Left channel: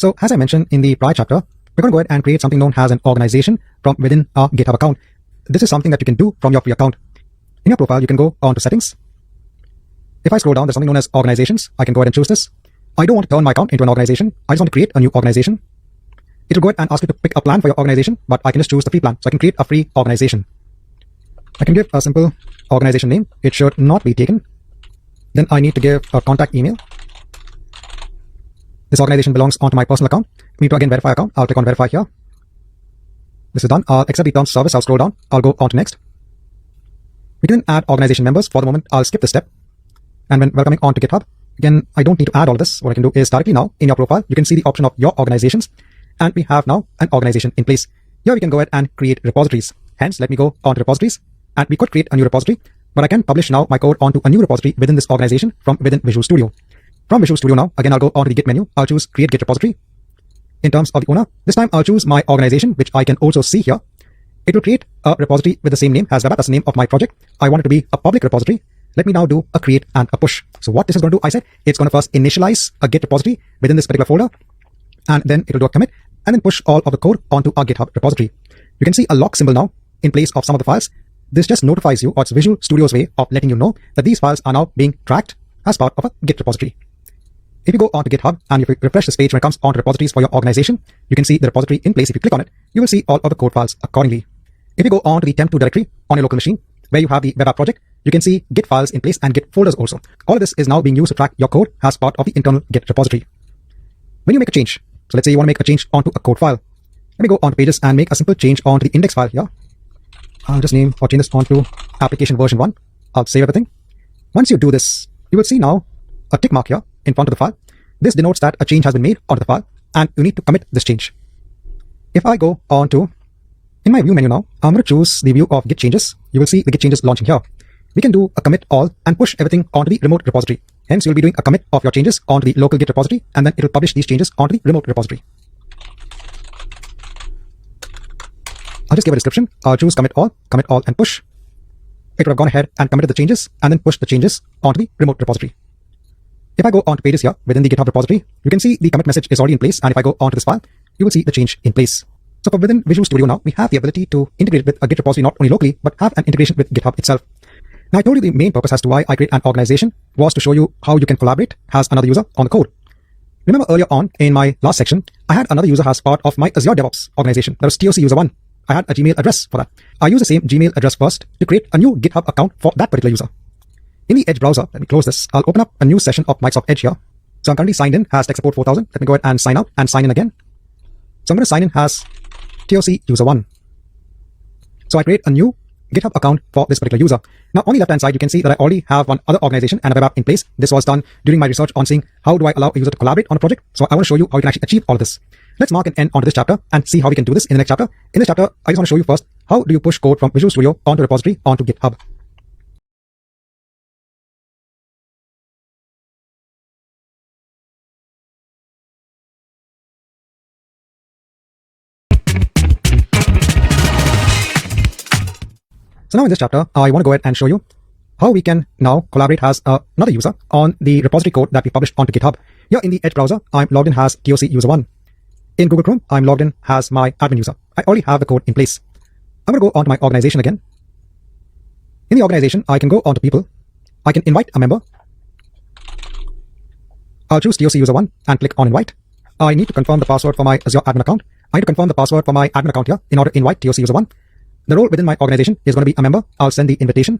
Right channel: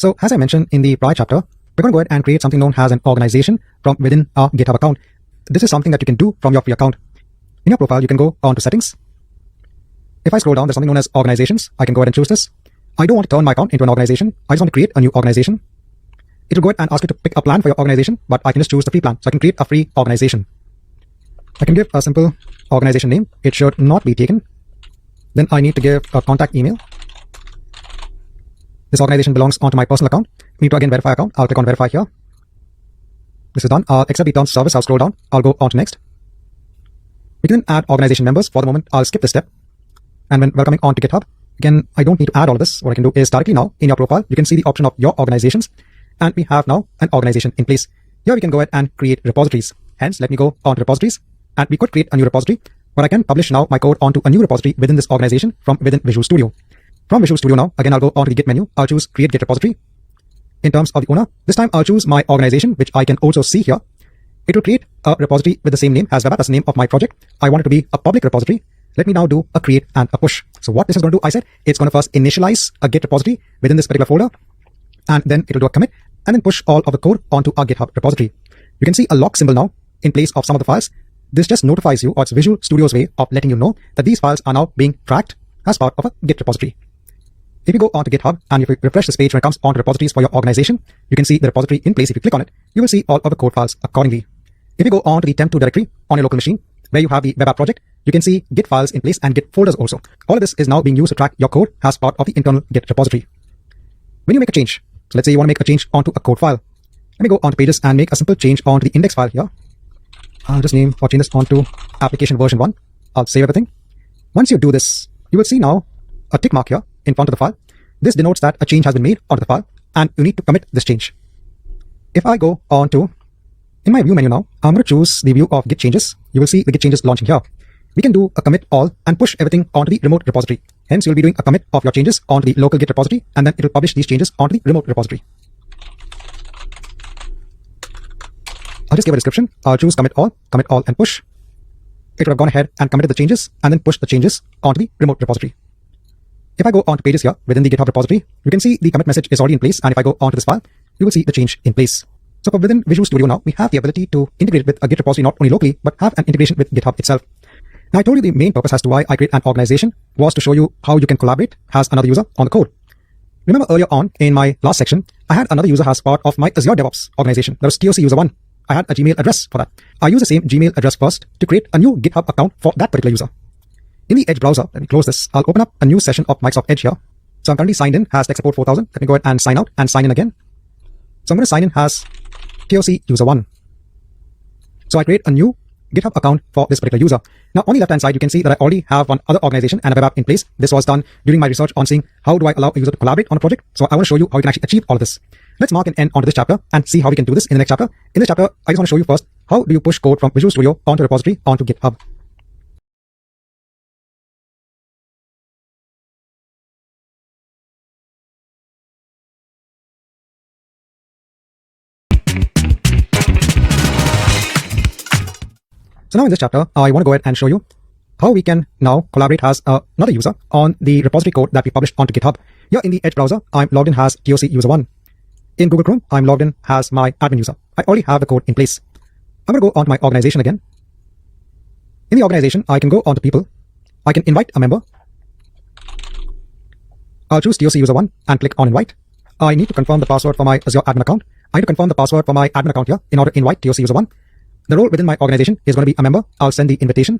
So as I mentioned in the prior chapter, we're going to go ahead and create something known as an organization from within our GitHub account. This is something that you can do from your free account. In your profile, you can go on to settings. If I scroll down, there's something known as organizations. I can go ahead and choose this. I don't want to turn my account into an organization. I just want to create a new organization. It will go ahead and ask you to pick a plan for your organization, but I can just choose the free plan. So I can create a free organization. I can give a simple organization name. It should not be taken. Then I need to give a contact email. This organization belongs onto my personal account. I need to again verify account. I'll click on verify here. This is done. I'll accept the terms of service. I'll scroll down. I'll go on to next. We can then add organization members. For the moment, I'll skip this step. And when welcoming on to GitHub, again, I don't need to add all of this. What I can do is directly now in your profile, you can see the option of your organizations. And we have now an organization in place. Here we can go ahead and create repositories. Hence, let me go on to repositories. And we could create a new repository. But I can publish now my code onto a new repository within this organization from within Visual Studio. From Visual Studio now, again, I'll go on to the Git menu. I'll choose Create Git Repository. In terms of the owner, this time I'll choose my organization, which I can also see here. It will create a repository with the same name as web app. That's the name of my project. I want it to be a public repository. Let me now do a create and a push. So what this is going to do, I said, it's going to first initialize a Git repository within this particular folder, and then it will do a commit and then push all of the code onto our GitHub repository. You can see a lock symbol now in place of some of the files. This just notifies you, or it's Visual Studio's way of letting you know that these files are now being tracked as part of a Git repository. If you go on to GitHub and if you refresh this page when it comes on to repositories for your organization, you can see the repository in place. If you click on it, you will see all of the code files accordingly. If you go on to the temp2 directory on your local machine, where you have the web app project, you can see Git files in place and Git folders also. All of this is now being used to track your code as part of the internal Git repository. When you make a change, so let's say you want to make a change onto a code file. Let me go on to pages and make a simple change onto the index file here. I'll just name or change this onto application version 1. I'll save everything. Once you do this, you will see now a tick mark here in front of the file. This denotes that a change has been made onto the file and you need to commit this change. If I go on to, in my view menu now, I'm going to choose the view of Git changes. You will see the Git changes launching here. We can do a commit all and push everything onto the remote repository. Hence, you'll be doing a commit of your changes onto the local Git repository, and then it will publish these changes onto the remote repository. I'll just give a description. I'll choose commit all and push. It will have gone ahead and committed the changes and then push the changes onto the remote repository. If I go on to pages here within the GitHub repository, you can see the commit message is already in place. And if I go onto this file, you will see the change in place. So within Visual Studio now, we have the ability to integrate with a Git repository not only locally, but have an integration with GitHub itself. Now, I told you the main purpose as to why I create an organization was to show you how you can collaborate as another user on the code. Remember earlier on in my last section, I had another user as part of my Azure DevOps organization. That was TOC user 1. I had a Gmail address for that. I use the same Gmail address first to create a new GitHub account for that particular user. In the Edge browser, let me close this. I'll open up a new session of Microsoft Edge here. So I'm currently signed in as tech support 4000. Let me go ahead and sign out and sign in again. So I'm going to sign in as TOC user 1. So I create a new GitHub account for this particular user. Now on the left hand side, you can see that I already have one other organization and a web app in place. This was done during my research on seeing how do I allow a user to collaborate on a project. So I want to show you how you can actually achieve all of this. Let's mark an end onto this chapter and see how we can do this in the next chapter. In this chapter, I just want to show you first, how do you push code from Visual Studio onto repository onto GitHub. So now in this chapter, I want to go ahead and show you how we can now collaborate as another user on the repository code that we published onto GitHub. Here in the Edge browser, I'm logged in as TOC user 1. In Google Chrome, I'm logged in as my admin user. I already have the code in place. I'm going to go on to my organization again. In the organization, I can go on to people. I can invite a member. I'll choose TOC user 1 and click on invite. I need to confirm the password for my Azure admin account. I need to confirm the password for my admin account here in order to invite TOC user 1. The role within my organization is going to be a member. I'll send the invitation.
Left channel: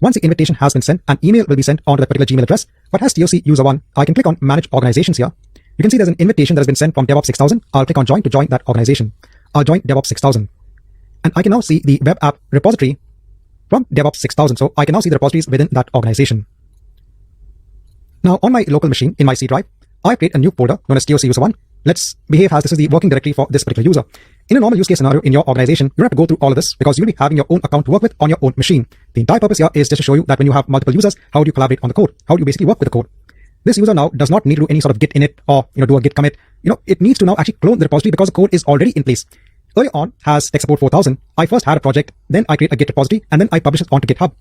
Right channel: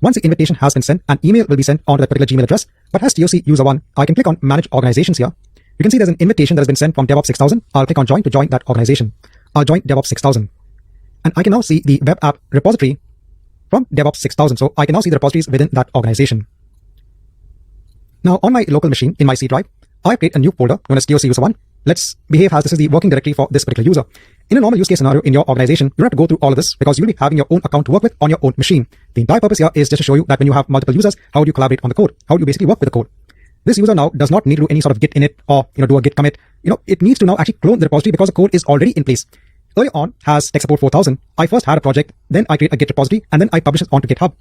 Once the invitation has been sent, an email will be sent onto that particular Gmail address. But as TOC user 1, I can click on manage organizations here. You can see there's an invitation that has been sent from DevOps 6000. I'll click on join to join that organization. I'll join DevOps 6000. And I can now see the web app repository from DevOps 6000. So I can now see the repositories within that organization. Now on my local machine in my C drive, I create a new folder known as TOC user 1. Let's behave as this is the working directory for this particular user. In a normal use case scenario in your organization, you don't have to go through all of this because you'll be having your own account to work with on your own machine. The entire purpose here is just to show you that when you have multiple users, how do you collaborate on the code? How do you basically work with the code? This user now does not need to do any sort of git init or do a git commit. It needs to now actually clone the repository because the code is already in place. Earlier on, as tech support 4000, I first had a project, then I create a git repository, and then I publish it onto GitHub.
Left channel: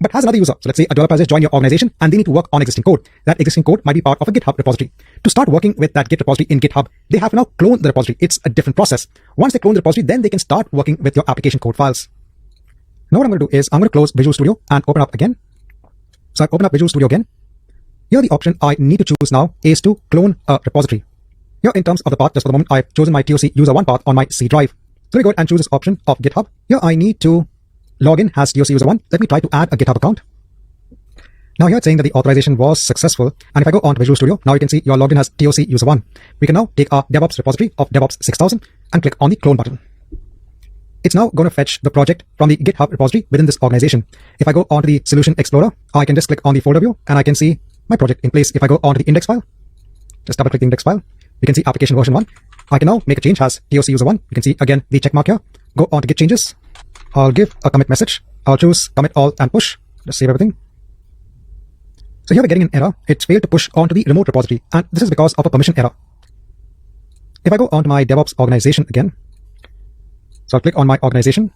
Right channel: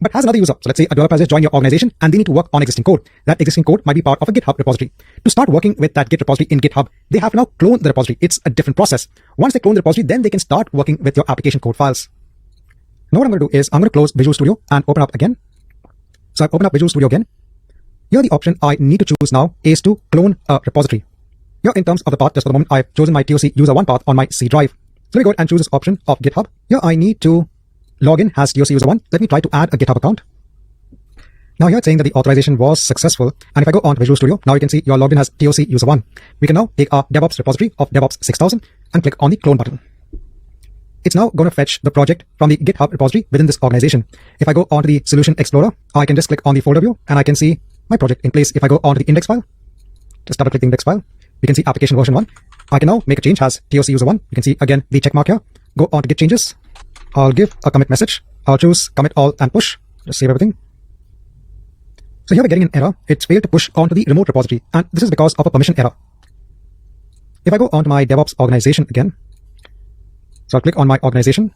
but has another user. So let's say a developer has just joined your organization and they need to work on existing code. That existing code might be part of a GitHub repository. To start working with that Git repository in GitHub, they have now cloned the repository. It's a different process. Once they clone the repository, then they can start working with your application code files. Now what I'm going to do is I'm going to close Visual Studio and open up again. So I've opened up Visual Studio again. Here the option I need to choose now is to clone a repository. Here in terms of the path, just for the moment, I've chosen my TOC user1 path on my C drive. So let me go ahead and choose this option of GitHub. Here I need to log in as TOC user1. Let me try to add a GitHub account. Now here it's saying that the authorization was successful. And if I go on to Visual Studio, now you can see you're logged in as TOC user1. We can now take our DevOps repository of DevOps 6000 and click on the clone button. It's now going to fetch the project from the GitHub repository within this organization. If I go onto the Solution Explorer, I can just click on the folder view and I can see my project in place. If I go onto the index file, just double click the index file, we can see application version 1. I can now make a change as TOC user1. You can see again the check mark here. Go on to Git changes. I'll give a commit message. I'll choose commit all and push. Just save everything. So here we're getting an error. It's failed to push onto the remote repository, and this is because of a permission error. If I go onto my DevOps organization again, so I'll click on my organization.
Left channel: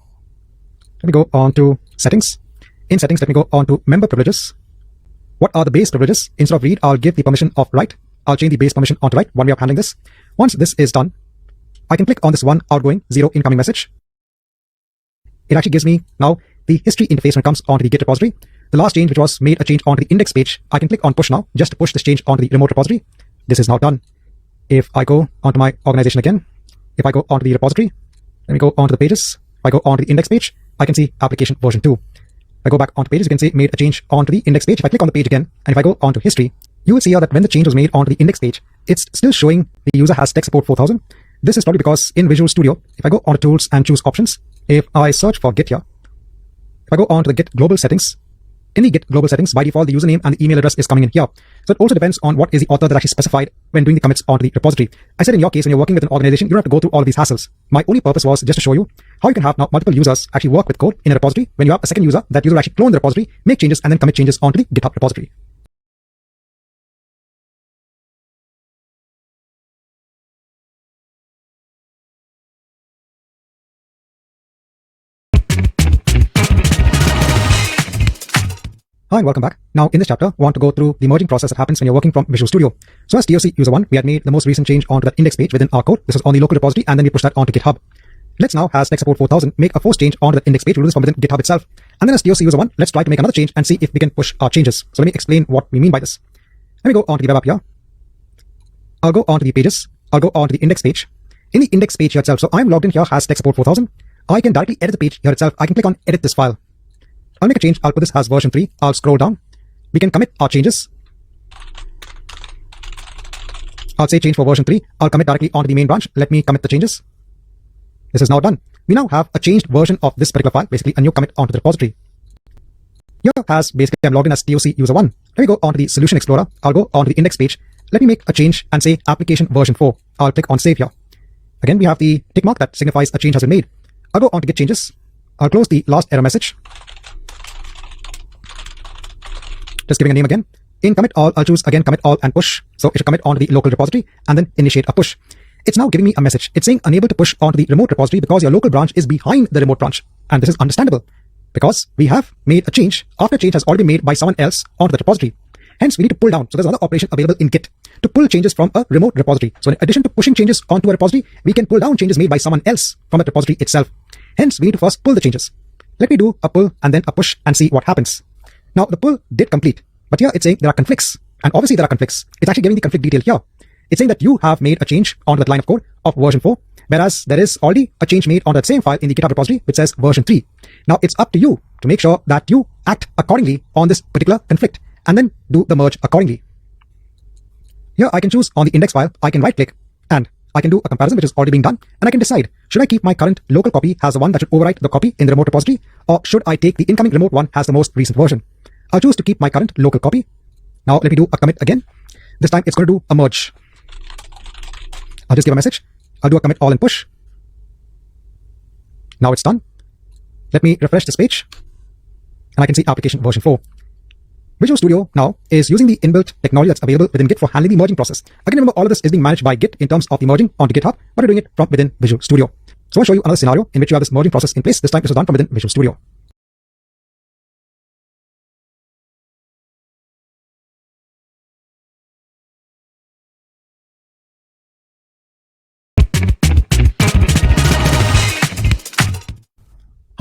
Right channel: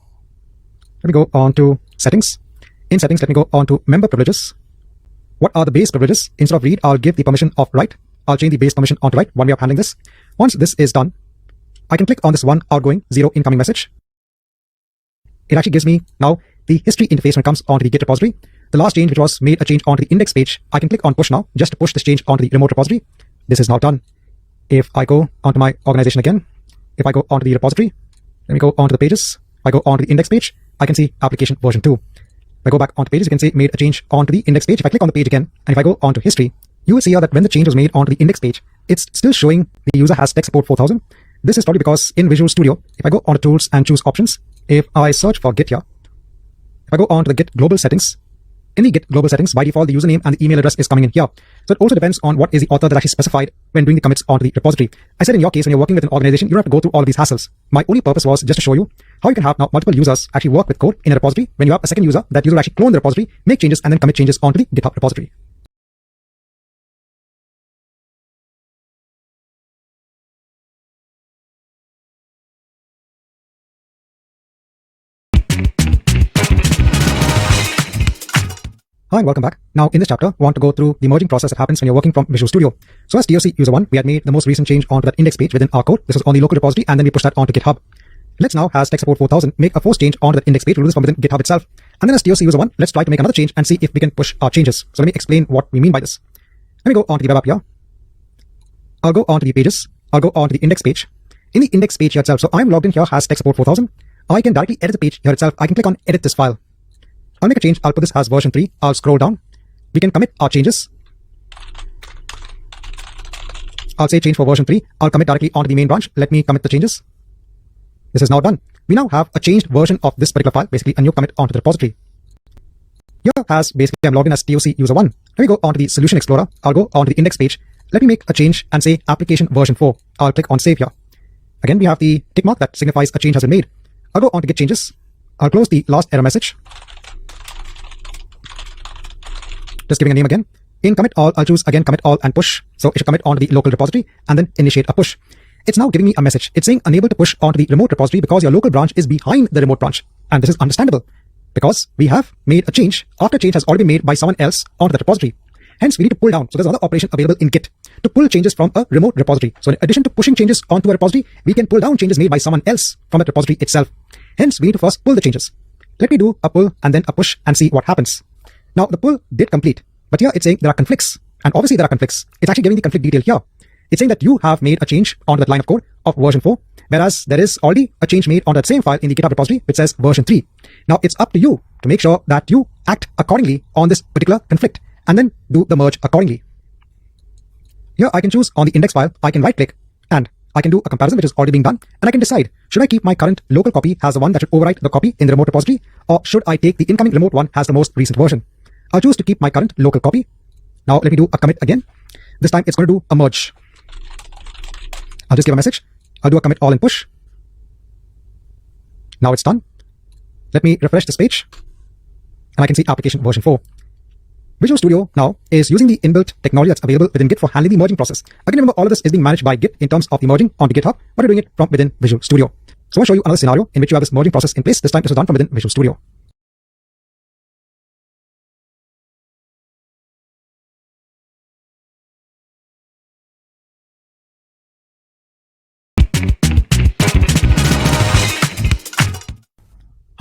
Let me go on to settings. In settings, let me go on to member privileges. What are the base privileges? Instead of read, I'll give the permission of write. I'll change the base permission onto write. One way of handling this. Once this is done, I can click on this one outgoing, 0 incoming message. It actually gives me now the history interface when it comes onto the Git repository. The last change, which was made a change onto the index page, I can click on push now, just to push this change onto the remote repository. This is now done. If I go onto my organization again, if I go onto the repository, let me go onto the pages. If I go onto the index page, I can see application version 2. If I go back onto pages, you can see made a change onto the index page. If I click on the page again, and if I go onto history, you will see here that when the change was made onto the index page, it's still showing the user has tech support 4000. This is probably because in Visual Studio, if I go on to tools and choose options, if I search for Git here, if I go on to the Git global settings, in the Git global settings, by default, the username and the email address is coming in here. So it also depends on what is the author that actually specified when doing the commits onto the repository. I said in your case, when you're working with an organization, you don't have to go through all of these hassles. My only purpose was just to show you how you can have now multiple users actually work with code in a repository. When you have a second user, that user actually clone the repository, make changes, and then commit changes onto the GitHub repository. Hi and welcome back. Now in this chapter, I want to go through the merging process that happens when you're working from Visual Studio. So as TOC user1, we had made the most recent change onto that index page within our code. This was on the local repository, and then we pushed that onto GitHub. Let's now, as tech support 4000, make a force change onto that index page. We'll do this from within GitHub itself. And then as TOC user1, let's try to make another change and see if we can push our changes. So let me explain what we mean by this. Let me go onto the web app here. I'll go onto the pages. I'll go onto the index page. In the index page here itself, so I'm logged in here as tech support 4000. I can directly edit the page here itself. I can click on edit this file. I'll make a change. I'll put this as version 3. I'll scroll down. We can commit our changes. I'll say change for version 3. I'll commit directly onto the main branch. Let me commit the changes. This is now done. We now have a changed version of this particular file, basically a new commit onto the repository. Here as basically I'm logged in as TOC user1. Let me go onto the Solution Explorer. I'll go onto the index page. Let me make a change and say application version 4. I'll click on save here. Again, we have the tick mark that signifies a change has been made. I'll go on to Git changes. I'll close the last error message. Just giving a name again. In commit all, I'll choose again commit all and push. So it should commit onto the local repository and then initiate a push. It's now giving me a message. It's saying unable to push onto the remote repository because your local branch is behind the remote branch. And this is understandable because we have made a change after a change has already been made by someone else onto the repository. Hence, we need to pull down. So there's another operation available in Git to pull changes from a remote repository. So in addition to pushing changes onto a repository, we can pull down changes made by someone else from the repository itself. Hence, we need to first pull the changes. Let me do a pull and then a push and see what happens. Now, the pull did complete. But here it's saying there are conflicts, and obviously there are conflicts. It's actually giving the conflict detail here. It's saying that you have made a change onto that line of code of version 4, whereas there is already a change made on that same file in the GitHub repository which says version 3. Now it's up to you to make sure that you act accordingly on this particular conflict and then do the merge accordingly. Here I can choose on the index file, I can right click and I can do a comparison which is already being done, and I can decide, should I keep my current local copy as the one that should overwrite the copy in the remote repository, or should I take the incoming remote one as the most recent version? I'll choose to keep my current local copy. Now let me do a commit again. This time it's going to do a merge. I'll just give a message. I'll do a commit all and push. Now it's done. Let me refresh this page and I can see application version 4. Visual Studio now is using the inbuilt technology that's available within Git for handling the merging process. Again, remember all of this is being managed by Git in terms of the merging onto GitHub, but we're doing it from within Visual Studio. So I'll show you another scenario in which you have this merging process in place. This time this is done from within Visual Studio.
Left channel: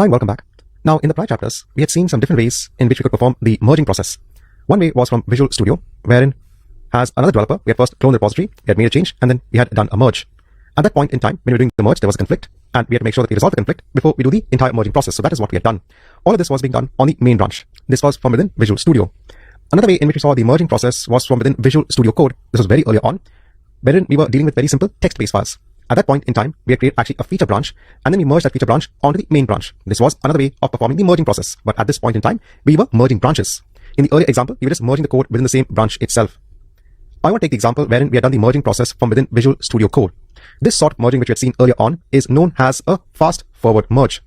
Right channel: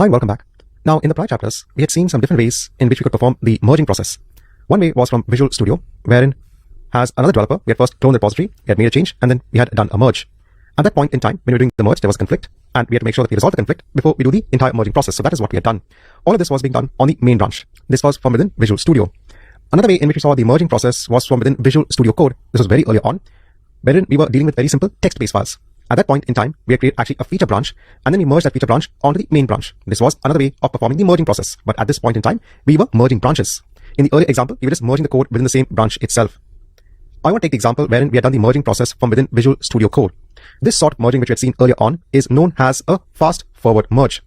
Hi, welcome back. Now, in the prior chapters, we had seen some different ways in which we could perform the merging process. One way was from Visual Studio, wherein as another developer, we had first cloned the repository, we had made a change, and then we had done a merge. At that point in time, when we were doing the merge, there was a conflict, and we had to make sure that we resolve the conflict before we do the entire merging process. So that is what we had done. All of this was being done on the main branch. This was from within Visual Studio. Another way in which we saw the merging process was from within Visual Studio Code. This was very early on, wherein we were dealing with very simple text-based files. At that point in time, we had created actually a feature branch, and then we merged that feature branch onto the main branch. This was another way of performing the merging process. But at this point in time, we were merging branches. In the earlier example, we were just merging the code within the same branch itself. I want to take the example wherein we had done the merging process from within Visual Studio Code. This sort of merging which we had seen earlier on is known as a fast-forward merge.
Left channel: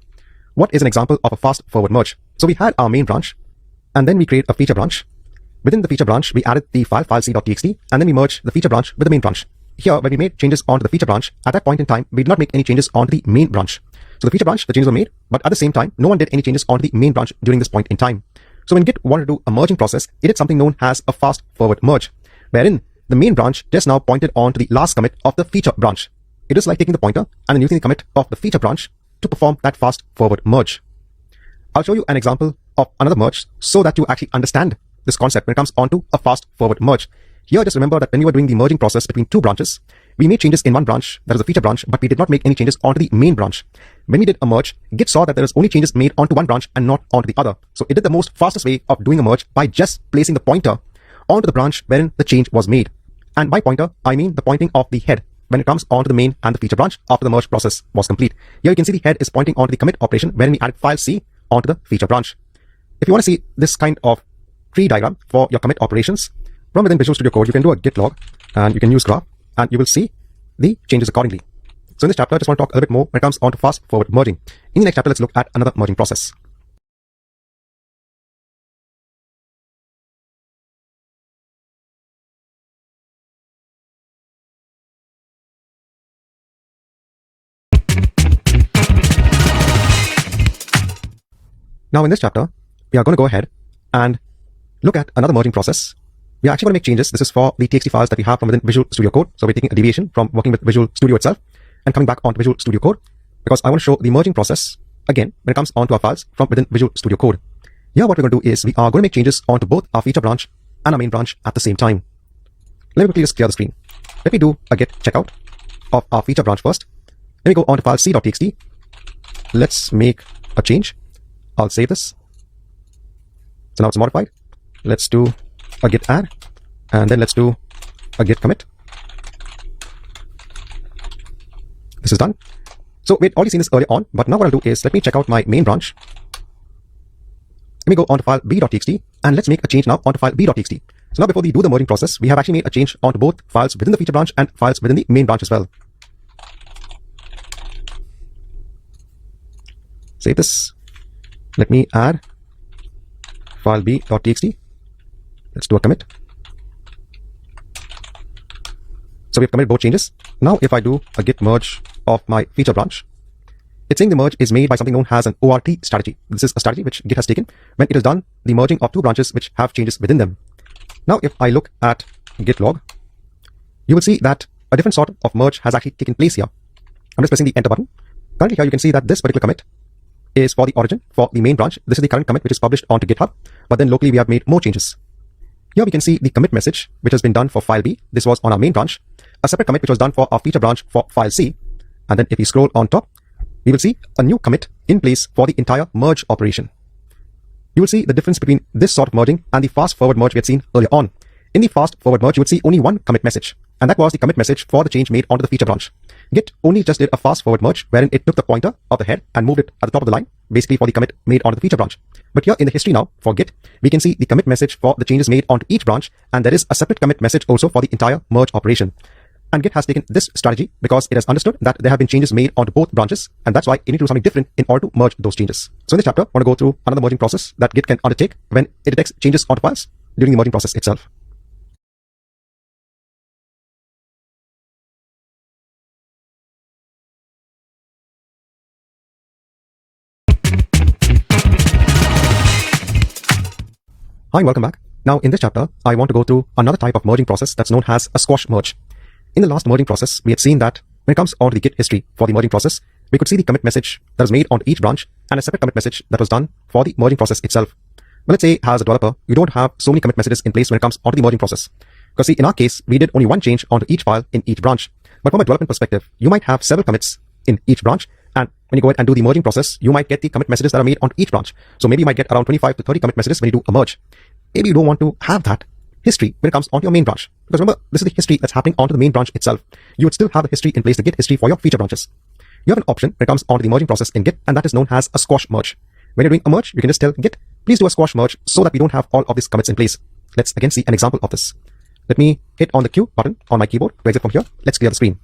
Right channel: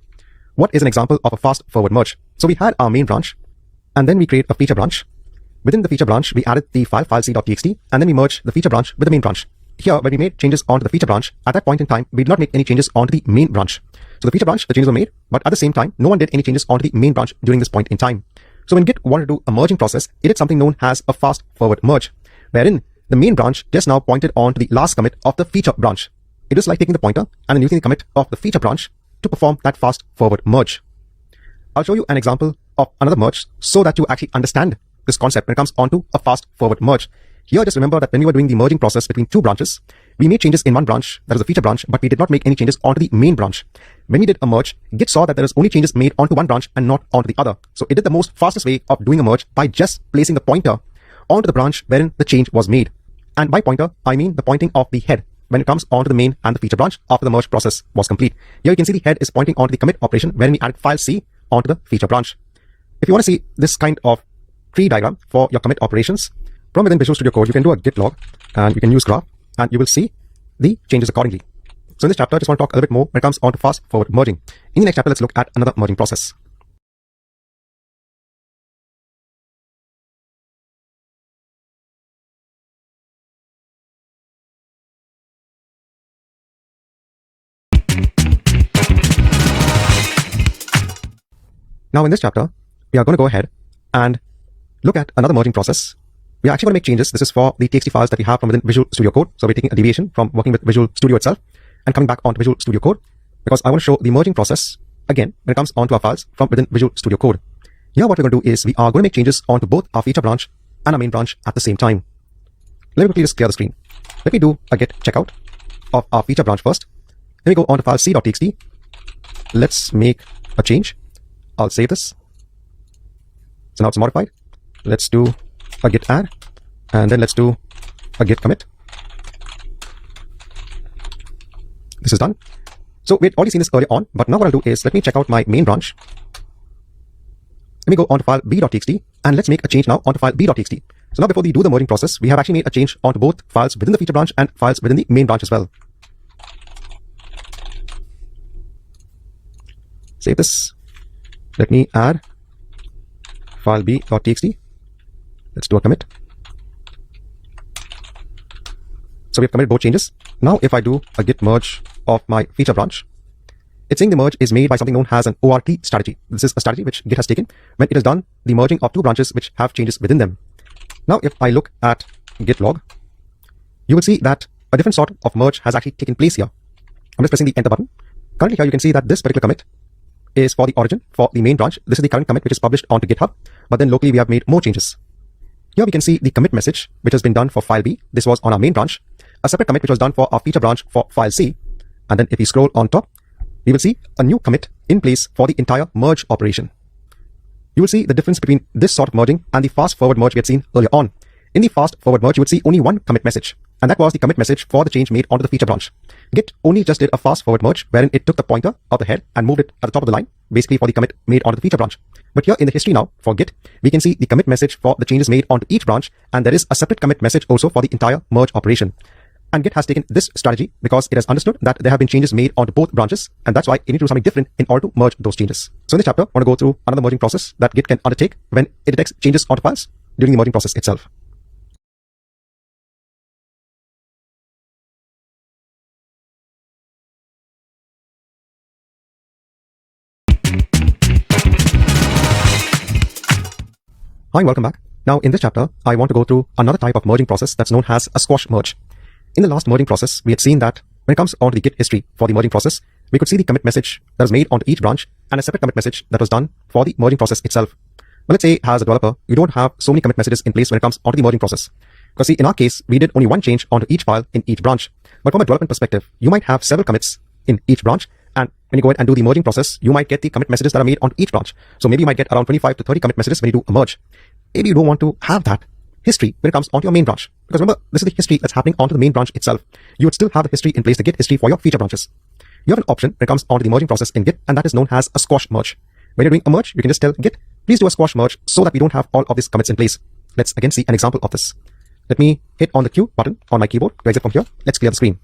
What is an example of a fast-forward merge? So we had our main branch, and then we create a feature branch. Within the feature branch, we added the file filec.txt, and then we merged the feature branch with the main branch. Here, when we made changes onto the feature branch, at that point in time, we did not make any changes onto the main branch. So the feature branch, the changes were made, but at the same time, no one did any changes onto the main branch during this point in time. So when Git wanted to do a merging process, it did something known as a fast-forward merge, wherein the main branch just now pointed on to the last commit of the feature branch. It is like taking the pointer and then using the commit of the feature branch to perform that fast-forward merge. I'll show you an example of another merge so that you actually understand this concept when it comes onto a fast-forward merge. Here, just remember that when we were doing the merging process between two branches, we made changes in one branch, that is the feature branch, but we did not make any changes onto the main branch. When we did a merge, Git saw that there was only changes made onto one branch and not onto the other. So it did the most fastest way of doing a merge by just placing the pointer onto the branch wherein the change was made. And by pointer, I mean the pointing of the head when it comes onto the main and the feature branch after the merge process was complete. Here you can see the head is pointing onto the commit operation wherein we added file C onto the feature branch. If you want to see this kind of tree diagram for your commit operations, from within Visual Studio Code, you can do a git log and you can use graph and you will see the changes accordingly. So in this chapter, I just want to talk a little bit more when it comes on to fast-forward merging. In the next chapter, let's look at another merging process. Now in this chapter, we are going to go ahead and look at another merging process. We are actually going to make changes. This is for the TXT files that we have from within Visual Studio Code. So we're taking a deviation from working with Visual Studio itself and coming back onto Visual Studio Code because I want to show the merging process again when it comes onto our files from within Visual Studio Code. Here what we're going to do is we are going to make changes onto both our feature branch and our main branch at the same time. Let me quickly just clear the screen. Let me do a git checkout of our feature branch first. Let me go on to file c.txt. Let's make a change. I'll save this. So now it's modified. Let's do a git add, and then let's do a git commit. This is done. So we'd already seen this earlier on, but now what I'll do is let me check out my main branch. Let me go on to file b.txt, and let's make a change now onto file b.txt. So now before we do the merging process, we have actually made a change onto both files within the feature branch and files within the main branch as well. Save this. Let me add file b.txt. Let's do a commit. So we've committed both changes. Now if I do a git merge of my feature branch, it's saying the merge is made by something known as an ORT strategy. This is a strategy which Git has taken when it has done the merging of two branches which have changes within them. Now if I look at git log, you will see that a different sort of merge has actually taken place here. I'm just pressing the enter button. Currently here you can see that this particular commit is for the origin, for the main branch. This is the current commit which is published onto GitHub, but then locally we have made more changes. Here we can see the commit message which has been done for file B. This was on our main branch. A separate commit which was done for our feature branch for file C. And then if we scroll on top, we will see a new commit in place for the entire merge operation. You will see the difference between this sort of merging and the fast-forward merge we had seen earlier on. In the fast-forward merge, you would see only one commit message, and that was the commit message for the change made onto the feature branch. Git only just did a fast-forward merge wherein it took the pointer of the head and moved it at the top of the line, basically for the commit made onto the feature branch. But here in the history now for Git, we can see the commit message for the changes made onto each branch, and there is a separate commit message also for the entire merge operation. And Git has taken this strategy because it has understood that there have been changes made onto both branches, and that's why it needs to do something different in order to merge those changes. So in this chapter, I want to go through another merging process that Git can undertake when it detects changes onto files during the merging process itself. Hi, welcome back. Now in this chapter, I want to go through another type of merging process that's known as a squash merge. In the last merging process, we had seen that when it comes on to the Git history for the merging process, we could see the commit message that was made onto each branch and a separate commit message that was done for the merging process itself. But let's say as a developer, you don't have so many commit messages in place when it comes onto the merging process. Because see, in our case, we did only one change onto each file in each branch. But from a development perspective, you might have several commits in each branch. And when you go ahead and do the merging process, you might get the commit messages that are made on each branch. So maybe you might get around 25 to 30 commit messages when you do a merge. Maybe you don't want to have that history when it comes onto your main branch. Because remember, this is the history that's happening onto the main branch itself. You would still have the history in place, the Git history for your feature branches. You have an option when it comes onto the merging process in Git, and that is known as a squash merge. When you're doing a merge, you can just tell Git, please do a squash merge so that we don't have all of these commits in place. Let's again see an example of this. Let me hit on the Q button on my keyboard to exit from here. Let's clear the screen.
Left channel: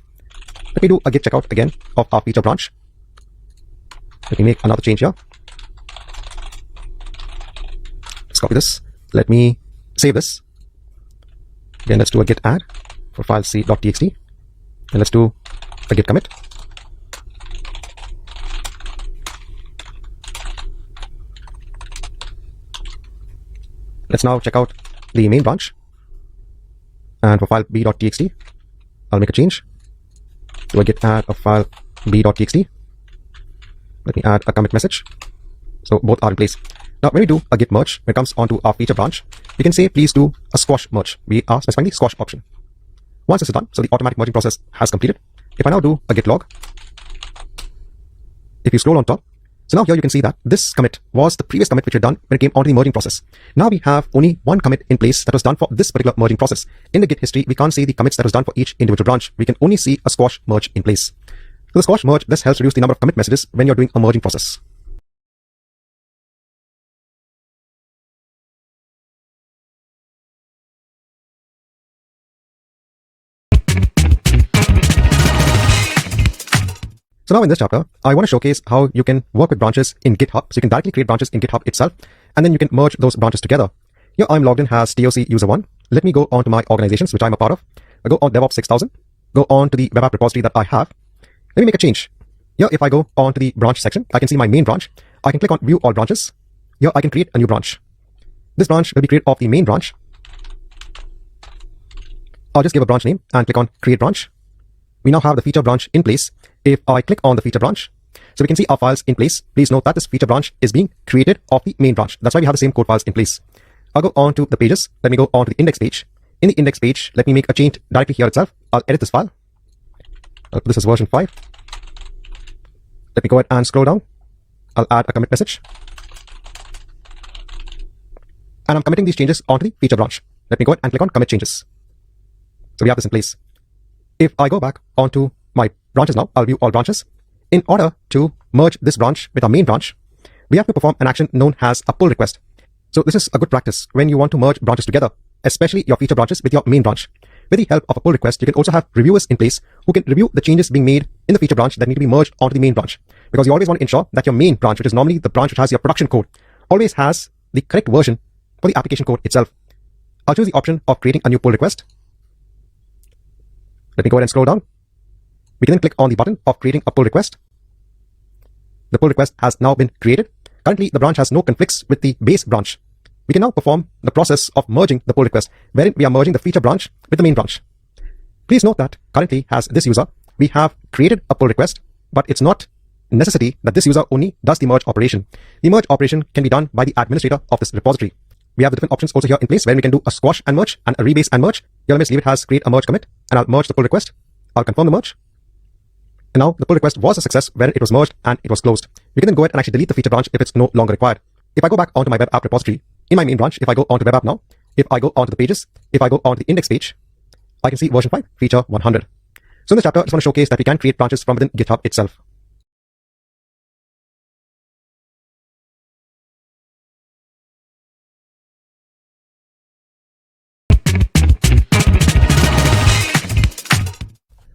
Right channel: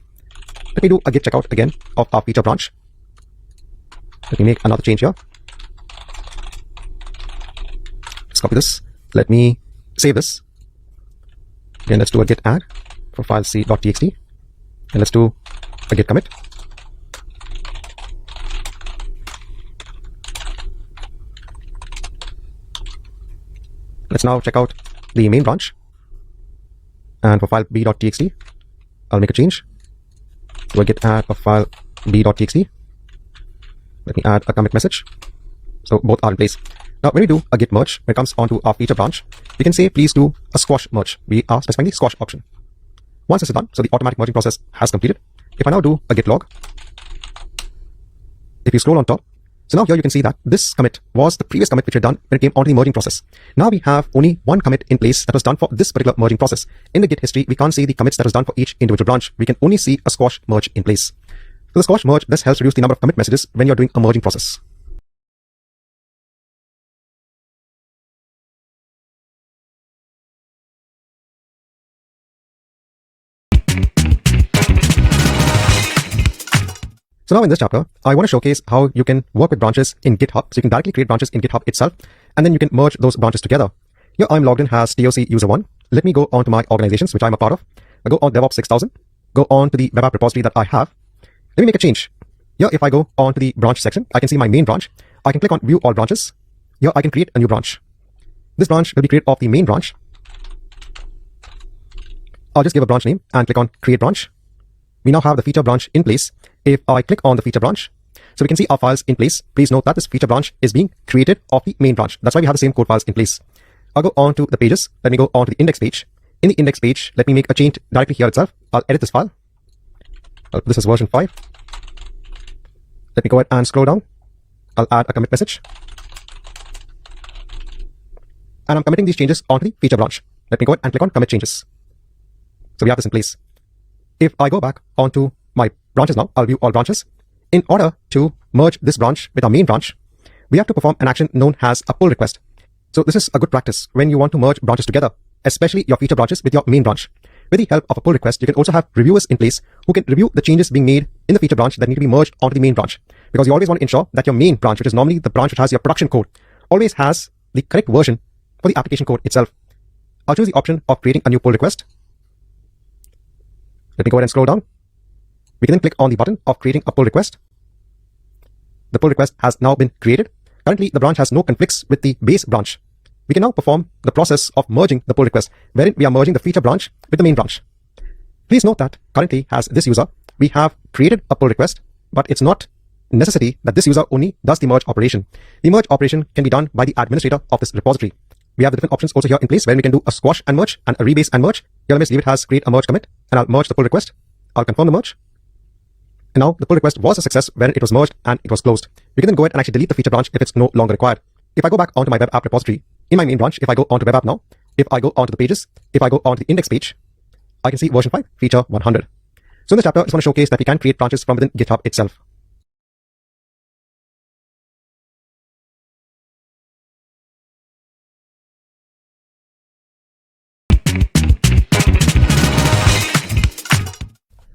Let me do a git checkout again of our feature branch. Let me make another change here. Let's copy this. Let me save this. Then let's do a git add for file c.txt. Then let's do a git commit. Let's now check out the main branch. And for file b.txt, I'll make a change. Do a git add of file b.txt. Let me add a commit message. So both are in place. Now, when we do a git merge, when it comes onto our feature branch, we can say, please do a squash merge. We are specifying the squash option. Once this is done, so the automatic merging process has completed. If I now do a git log, if you scroll on top, so now here you can see that this commit was the previous commit which we had done when it came onto the merging process. Now we have only one commit in place that was done for this particular merging process. In the Git history, we can't see the commits that was done for each individual branch. We can only see a squash merge in place. So the squash merge, this helps reduce the number of commit messages when you're doing a merging process. So now in this chapter, I want to showcase how you can work with branches in GitHub. So you can directly create branches in GitHub itself, and then you can merge those branches together. Here I'm logged in as TOC user 1. Let me go on to my organizations, which I'm a part of. I go on DevOps 6000, go on to the web app repository that I have. Let me make a change. Here, if I go on to the branch section, I can see my main branch. I can click on view all branches. Here I can create a new branch. This branch will be created off the main branch. I'll just give a branch name and click on create branch. We now have the feature branch in place. If I click on the feature branch, so we can see our files in place. Please note that this feature branch is being created off the main branch. That's why we have the same code files in place. I'll go on to the pages. Let me go on to the index page. In the index page, let me make a change directly here itself. I'll edit this file. I'll put this as version 5. Let me go ahead and scroll down. I'll add a commit message. And I'm committing these changes onto the feature branch. Let me go ahead and click on commit changes. So we have this in place. If I go back onto my branches now, I'll view all branches. In order to merge this branch with our main branch, we have to perform an action known as a pull request. So this is a good practice when you want to merge branches together, especially your feature branches with your main branch. With the help of a pull request, you can also have reviewers in place who can review the changes being made in the feature branch that need to be merged onto the main branch. Because you always want to ensure that your main branch, which is normally the branch which has your production code, always has the correct version for the application code itself. I'll choose the option of creating a new pull request. Let me go ahead and scroll down. We can then click on the button of creating a pull request. The pull request has now been created. Currently, the branch has no conflicts with the base branch. We can now perform the process of merging the pull request, wherein we are merging the feature branch with the main branch. Please note that currently, as this user, we have created a pull request, but it's not necessity that this user only does the merge operation. The merge operation can be done by the administrator of this repository. We have the different options also here in place where we can do a squash and merge and a rebase and merge. Here, let me leave it as create a merge commit, and I'll merge the pull request. I'll confirm the merge. And now the pull request was a success when it was merged and it was closed. We can then go ahead and actually delete the feature branch if it's no longer required. If I go back onto my web app repository, in my main branch, if I go onto web app now, if I go onto the pages, if I go onto the index page, I can see version 5, feature 100. So in this chapter, I just want to showcase that we can create branches from within GitHub itself.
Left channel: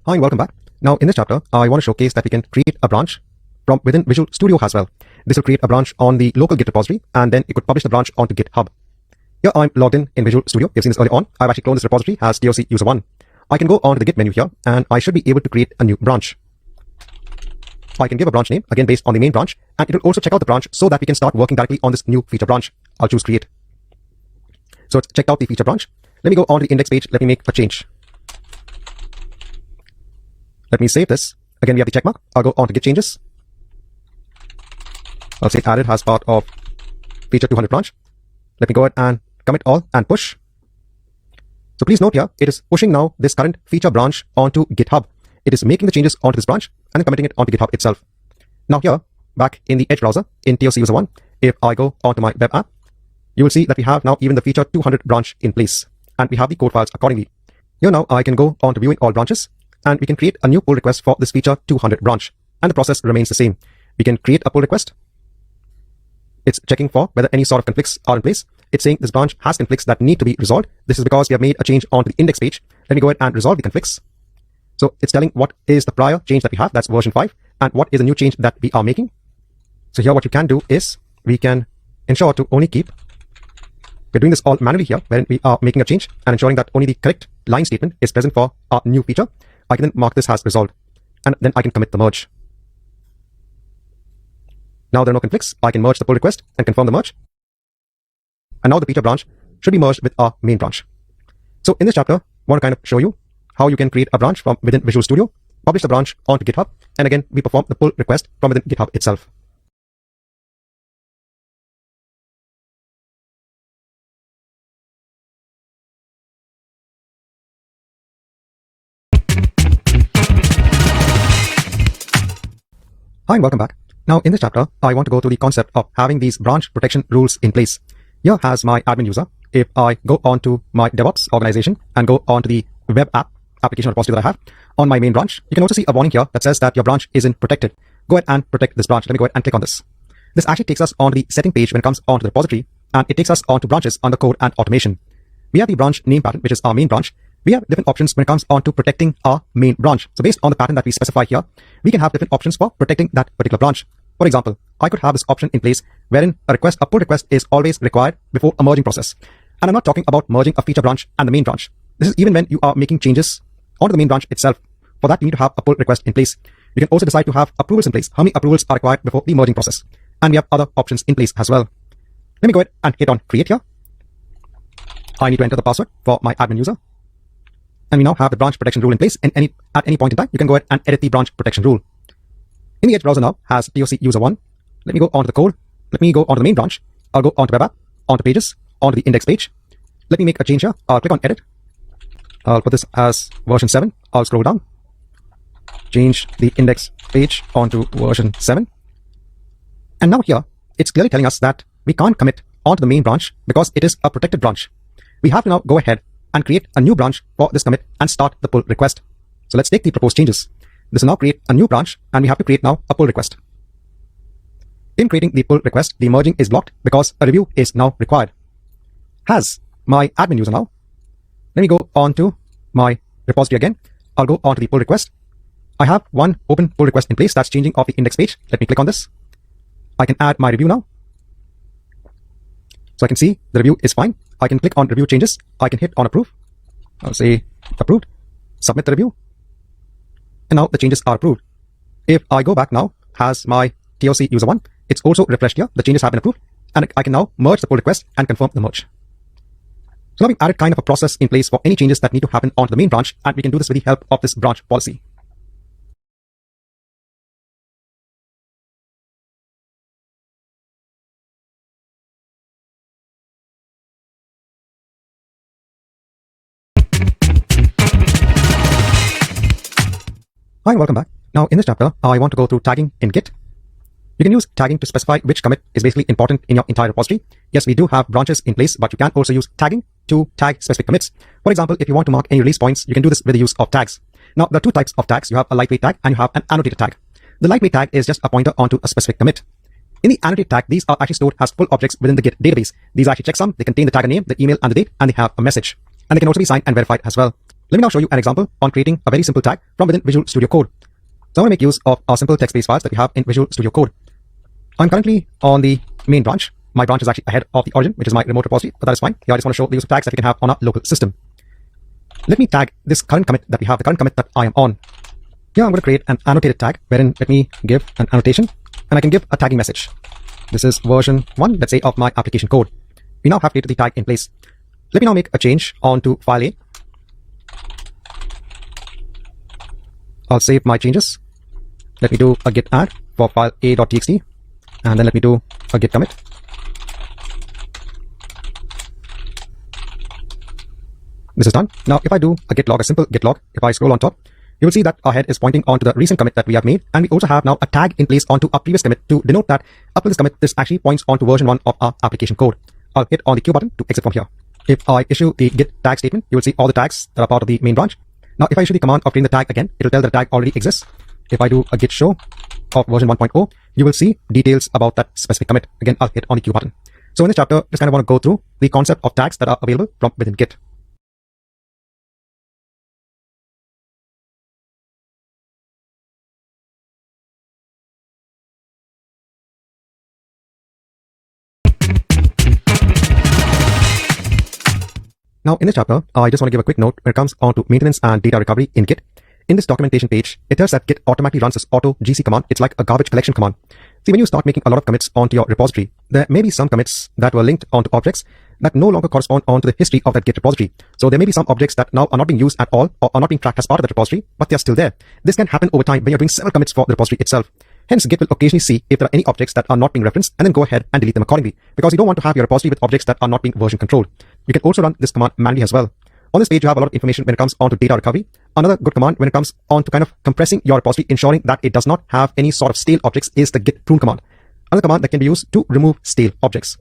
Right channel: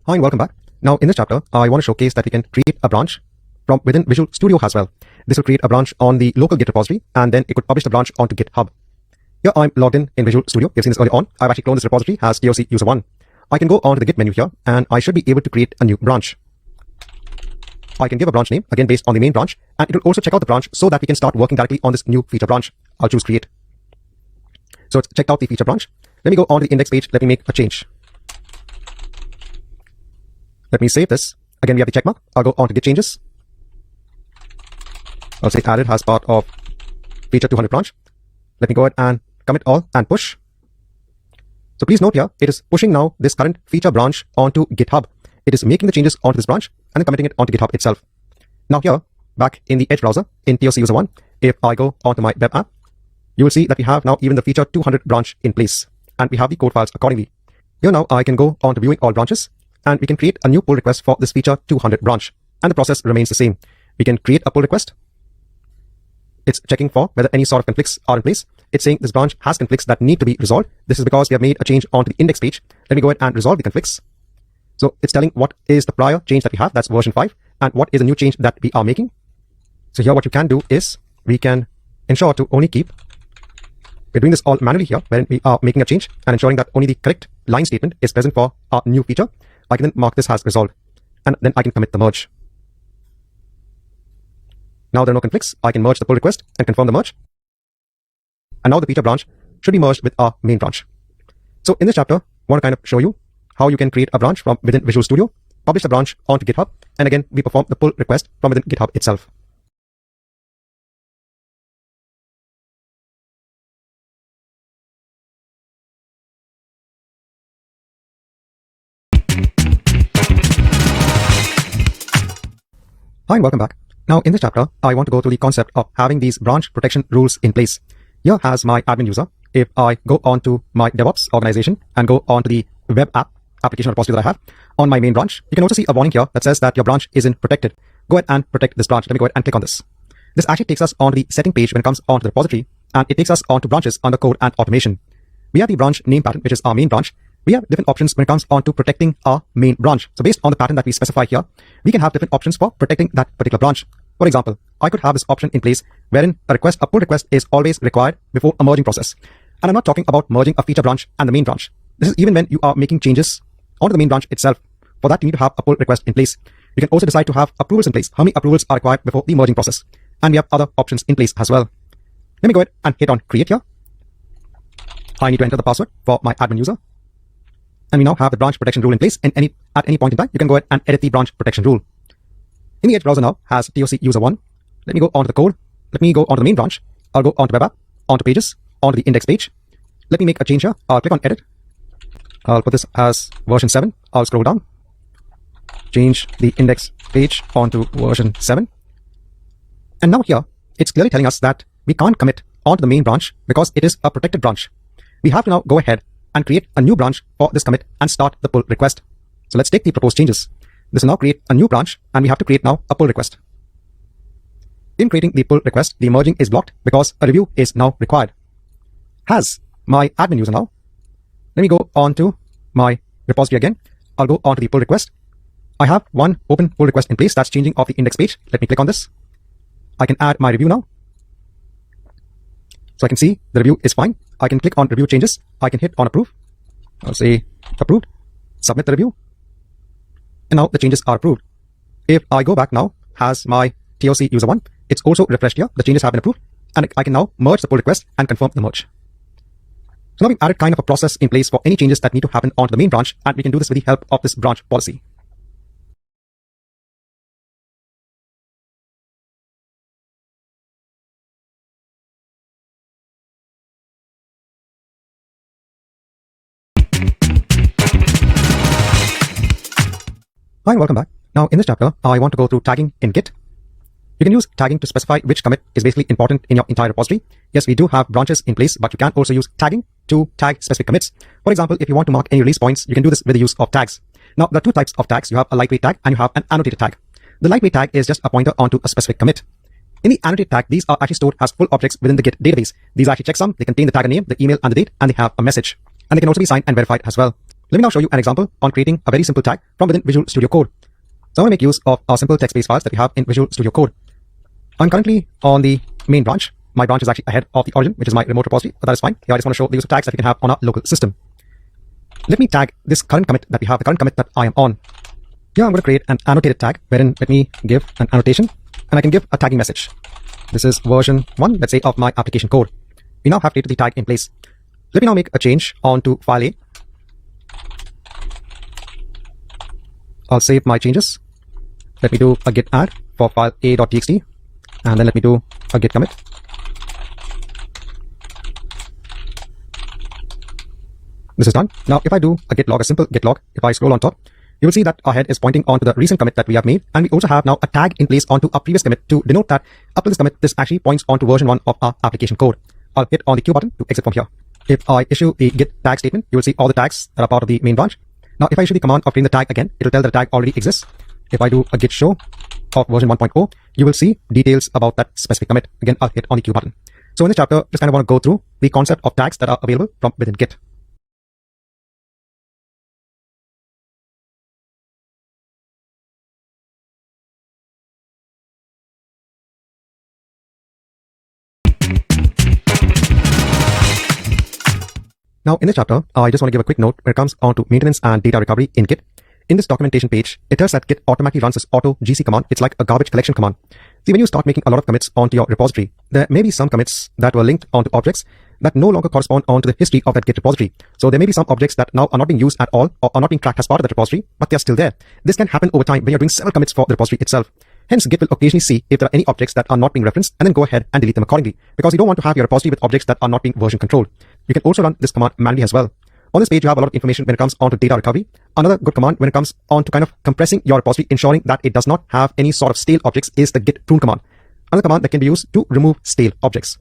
Hi and welcome back. Now in this chapter, I want to showcase that we can create a branch from within Visual Studio as well. This will create a branch on the local Git repository, and then it could publish the branch onto GitHub. Here I'm logged in Visual Studio. You've seen this earlier on. I've actually cloned this repository as TOC user 1. I can go on to the Git menu here, and I should be able to create a new branch. I can give a branch name, again based on the main branch, and it will also check out the branch so that we can start working directly on this new feature branch. I'll choose create. So it's checked out the feature branch. Let me go on to the index page. Let me make a change. Let me save this. Again, we have the check mark. I'll go on to Git changes. I'll say added as part of feature 200 branch. Let me go ahead and commit all and push. So please note here, it is pushing now this current feature branch onto GitHub. It is making the changes onto this branch and then committing it onto GitHub itself. Now here, back in the Edge browser, in TOC user 1, if I go onto my web app, you will see that we have now even the feature 200 branch in place, and we have the code files accordingly. Here now I can go on to viewing all branches, and we can create a new pull request for this feature 200 branch, and the process remains the same. We can create a pull request. It's checking for whether any sort of conflicts are in place. It's saying this branch has conflicts that need to be resolved. This is because we have made a change onto the index page. Let me go ahead and resolve the conflicts. So it's telling what is the prior change that we have, that's version 5, and what is the new change that we are making. So here what you can do is we can ensure to only keep, we're doing this all manually here when we are making a change and ensuring that only the correct line statement is present for our new feature. I can then mark this as resolved, and then I can commit the merge. Now there are no conflicts. I can merge the pull request and confirm the merge. And now the feature branch should be merged with our main branch. So in this chapter, I want to kind of show you how you can create a branch from within Visual Studio, publish the branch onto GitHub, and again, we perform the pull request from within GitHub itself. Hi and welcome back. Now in this chapter, I want to go through the concept of having these branch protection rules in place. Here as my admin user, if I go on to my DevOps organization and go on to the web app application repository that I have on my main branch, you can also see a warning here that says that your branch isn't protected. Go ahead and protect this branch. Let me go ahead and click on this. This actually takes us onto the setting page when it comes onto the repository, and it takes us onto branches under code and automation. We have the branch name pattern, which is our main branch. We have different options when it comes on to protecting our main branch. So based on the pattern that we specify here, we can have different options for protecting that particular branch. For example, I could have this option in place wherein a pull request is always required before a merging process. And I'm not talking about merging a feature branch and the main branch. This is even when you are making changes onto the main branch itself. For that, you need to have a pull request in place. You can also decide to have approvals in place. How many approvals are required before the merging process? And we have other options in place as well. Let me go ahead and hit on create here. I need to enter the password for my admin user. And we now have the branch protection rule in place. At any point in time, you can go ahead and edit the branch protection rule. In the Edge browser now has TOC user 1. Let me go onto the code. Let me go onto the main branch. I'll go onto web app, onto pages, onto the index page. Let me make a change here. I'll click on edit. I'll put this as version 7. I'll scroll down. Change the index page onto version 7. And now here, it's clearly telling us that we can't commit onto the main branch because it is a protected branch. We have to now go ahead and create a new branch for this commit and start the pull request. So let's take the proposed changes. This will now create a new branch, and we have to create now a pull request. In creating the pull request, the merging is blocked because a review is now required. As my admin user now, let me go on to my repository again. I'll go on to the pull request. I have one open pull request in place that's changing of the index page. Let me click on this. I can add my review now. So I can see the review is fine. I can click on review changes. I can hit on approve. I'll say approved, submit the review. And now the changes are approved. If I go back now, as my TOC user 1, it's also refreshed here. The changes have been approved, and I can now merge the pull request and confirm the merge. So now we've added kind of a process in place for any changes that need to happen onto the main branch, and we can do this with the help of this branch policy. Hi and welcome back. Now in this chapter, I want to go through tagging in Git. You can use tagging to specify which commit is basically important in your entire repository. Yes, we do have branches in place, but you can also use tagging to tag specific commits. For example, if you want to mark any release points, you can do this with the use of tags. Now there are two types of tags. You have a lightweight tag and you have an annotated tag. The lightweight tag is just a pointer onto a specific commit. In the annotated tag, these are actually stored as full objects within the Git database. These are actually checksum. They contain the tagger name, the email, and the date, and they have a message. And they can also be signed and verified as well. Let me now show you an example on creating a very simple tag from within Visual Studio Code. So I'm going to make use of our simple text-based files that we have in Visual Studio Code. I'm currently on the main branch. My branch is actually ahead of the origin, which is my remote repository, but that is fine. Here I just want to show the use of tags that we can have on our local system. Let me tag this current commit that we have, the current commit that I am on. Here I'm going to create an annotated tag, wherein let me give an annotation, and I can give a tagging message. This is version 1, let's say, of my application code. We now have created the tag in place. Let me now make a change onto file A. I'll save my changes. Let me do a git add for file a.txt, and then let me do a git commit. This is done. Now, if I do a git log, a simple git log, if I scroll on top, you will see that our head is pointing onto the recent commit that we have made, and we also have now a tag in place onto our previous commit to denote that up to this commit, this actually points onto version 1 of our application code. I'll hit on the Q button to exit from here. If I issue the git tag statement, you will see all the tags that are part of the main branch. Now, if I issue the command of creating the tag again, it will tell that the tag already exists. If I do a git show of version 1.0, you will see details about that specific commit. Again, I'll hit on the Q button. So in this chapter, just kind of want to go through the concept of tags that are available from within Git. Now, in this chapter, I just want to give a quick note when it comes on to maintenance and data recovery in Git. In this documentation page, it tells that Git automatically runs this auto GC command. It's like a garbage collection command. See, when you start making a lot of commits onto your repository, there may be some commits that were linked onto objects that no longer correspond onto the history of that Git repository. So there may be some objects that now are not being used at all or are not being tracked as part of that repository, but they're still there. This can happen over time when you're doing several commits for the repository itself. Hence, Git will occasionally see if there are any objects that are not being referenced and then go ahead and delete them accordingly, because you don't want to have your repository with objects that are not being version controlled. You can also run this command manually as well. On this page, you have a lot of information when it comes on to data recovery. Another good command when it comes on to kind of compressing your repository, ensuring that it does not have any sort of stale objects, is the git prune command. Another command that can be used to remove stale objects.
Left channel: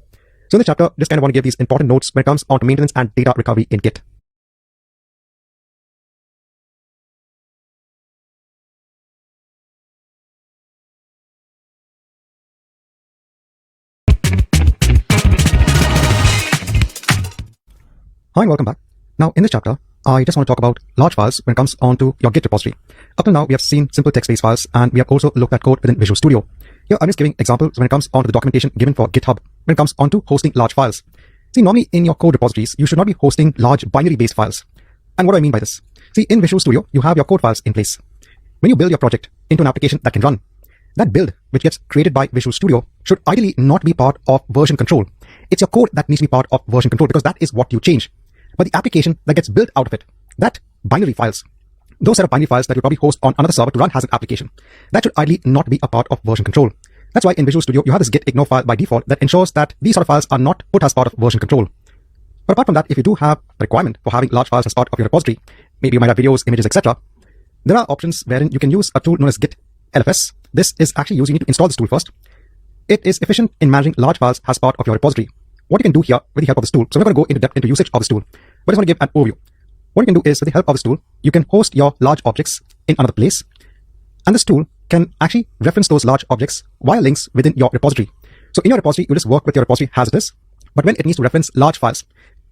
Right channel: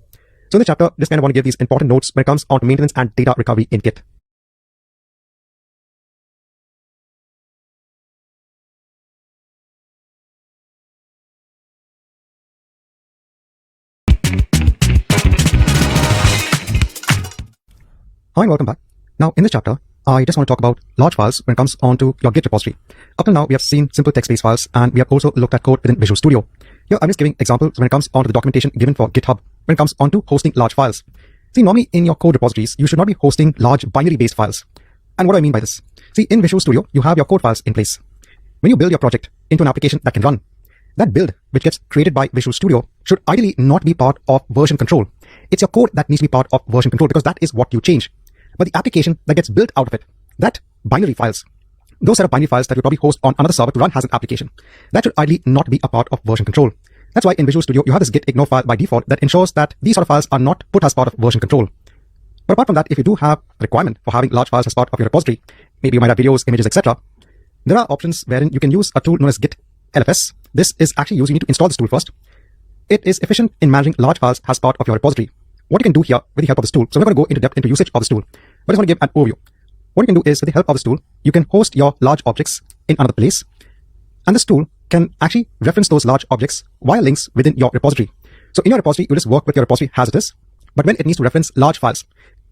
So in this chapter, just kind of want to give these important notes when it comes on to maintenance and data recovery in Git. Hi and welcome back. Now, in this chapter, I just want to talk about large files when it comes on to your Git repository. Up till now, we have seen simple text-based files, and we have also looked at code within Visual Studio. Here, I'm just giving examples when it comes on to the documentation given for GitHub when it comes on to hosting large files. See, normally in your code repositories, you should not be hosting large binary-based files. And what do I mean by this? See, in Visual Studio, you have your code files in place. When you build your project into an application that can run, that build, which gets created by Visual Studio, should ideally not be part of version control. It's your code that needs to be part of version control, because that is what you change. But the application that gets built out of it, that binary files, those set of binary files that you probably host on another server to run as an application, that should ideally not be a part of version control. That's why in Visual Studio, you have this git ignore file by default that ensures that these sort of files are not put as part of version control. But apart from that, if you do have a requirement for having large files as part of your repository, maybe you might have videos, images, etc., there are options wherein you can use a tool known as Git LFS. This is actually used, you need to install this tool first. It is efficient in managing large files as part of your repository. What you can do here with the help of this tool, so we're going to go into depth into usage of this tool, but I just want to give an overview. What you can do is, with the help of this tool, you can host your large objects in another place, and this tool can actually reference those large objects via links within your repository. So in your repository, you just work with your repository as it is, but when it needs to reference large files,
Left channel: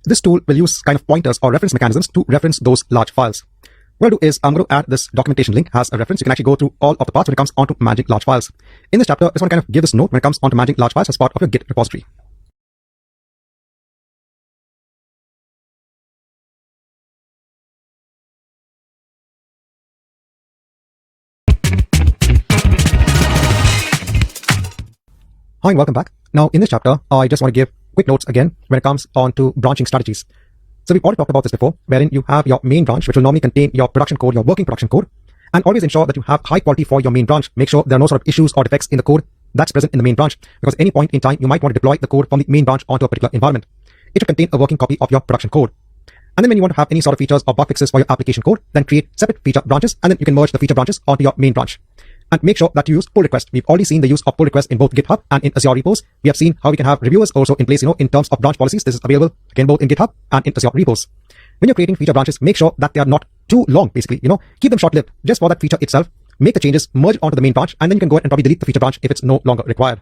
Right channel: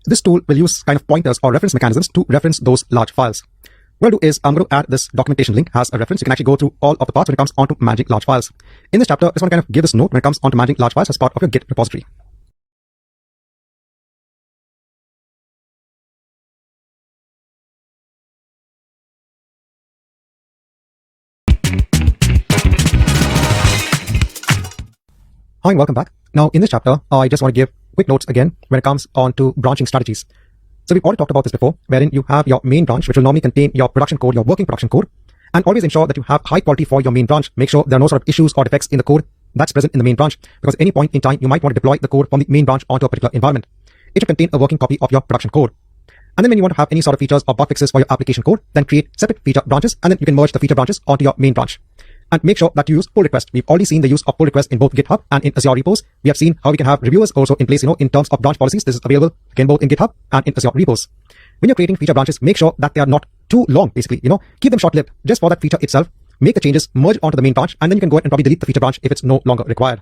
this tool will use kind of pointers or reference mechanisms to reference those large files. What I'll do is, I'm going to add this documentation link as a reference. You can actually go through all of the parts when it comes on to managing large files. In this chapter, I just want to kind of give this note when it comes on to managing large files as part of your Git repository. Hi and welcome back. Now, in this chapter, I just want to give quick notes again when it comes on to branching strategies. So we've already talked about this before, wherein you have your main branch, which will normally contain your production code, your working production code, and always ensure that you have high quality for your main branch. Make sure there are no sort of issues or defects in the code that's present in the main branch, because at any point in time, you might want to deploy the code from the main branch onto a particular environment. It should contain a working copy of your production code. And then when you want to have any sort of features or bug fixes for your application code, then create separate feature branches, and then you can merge the feature branches onto your main branch. And make sure that you use pull request. We've already seen the use of pull request in both GitHub and in Azure repos. We have seen how we can have reviewers also in place, in terms of branch policies. This is available again both in GitHub and in Azure repos. When you're creating feature branches, make sure that they are not too long, basically. Keep them short-lived just for that feature itself. Make the changes, merge onto the main branch, and then you can go ahead and probably delete the feature branch if it's no longer required.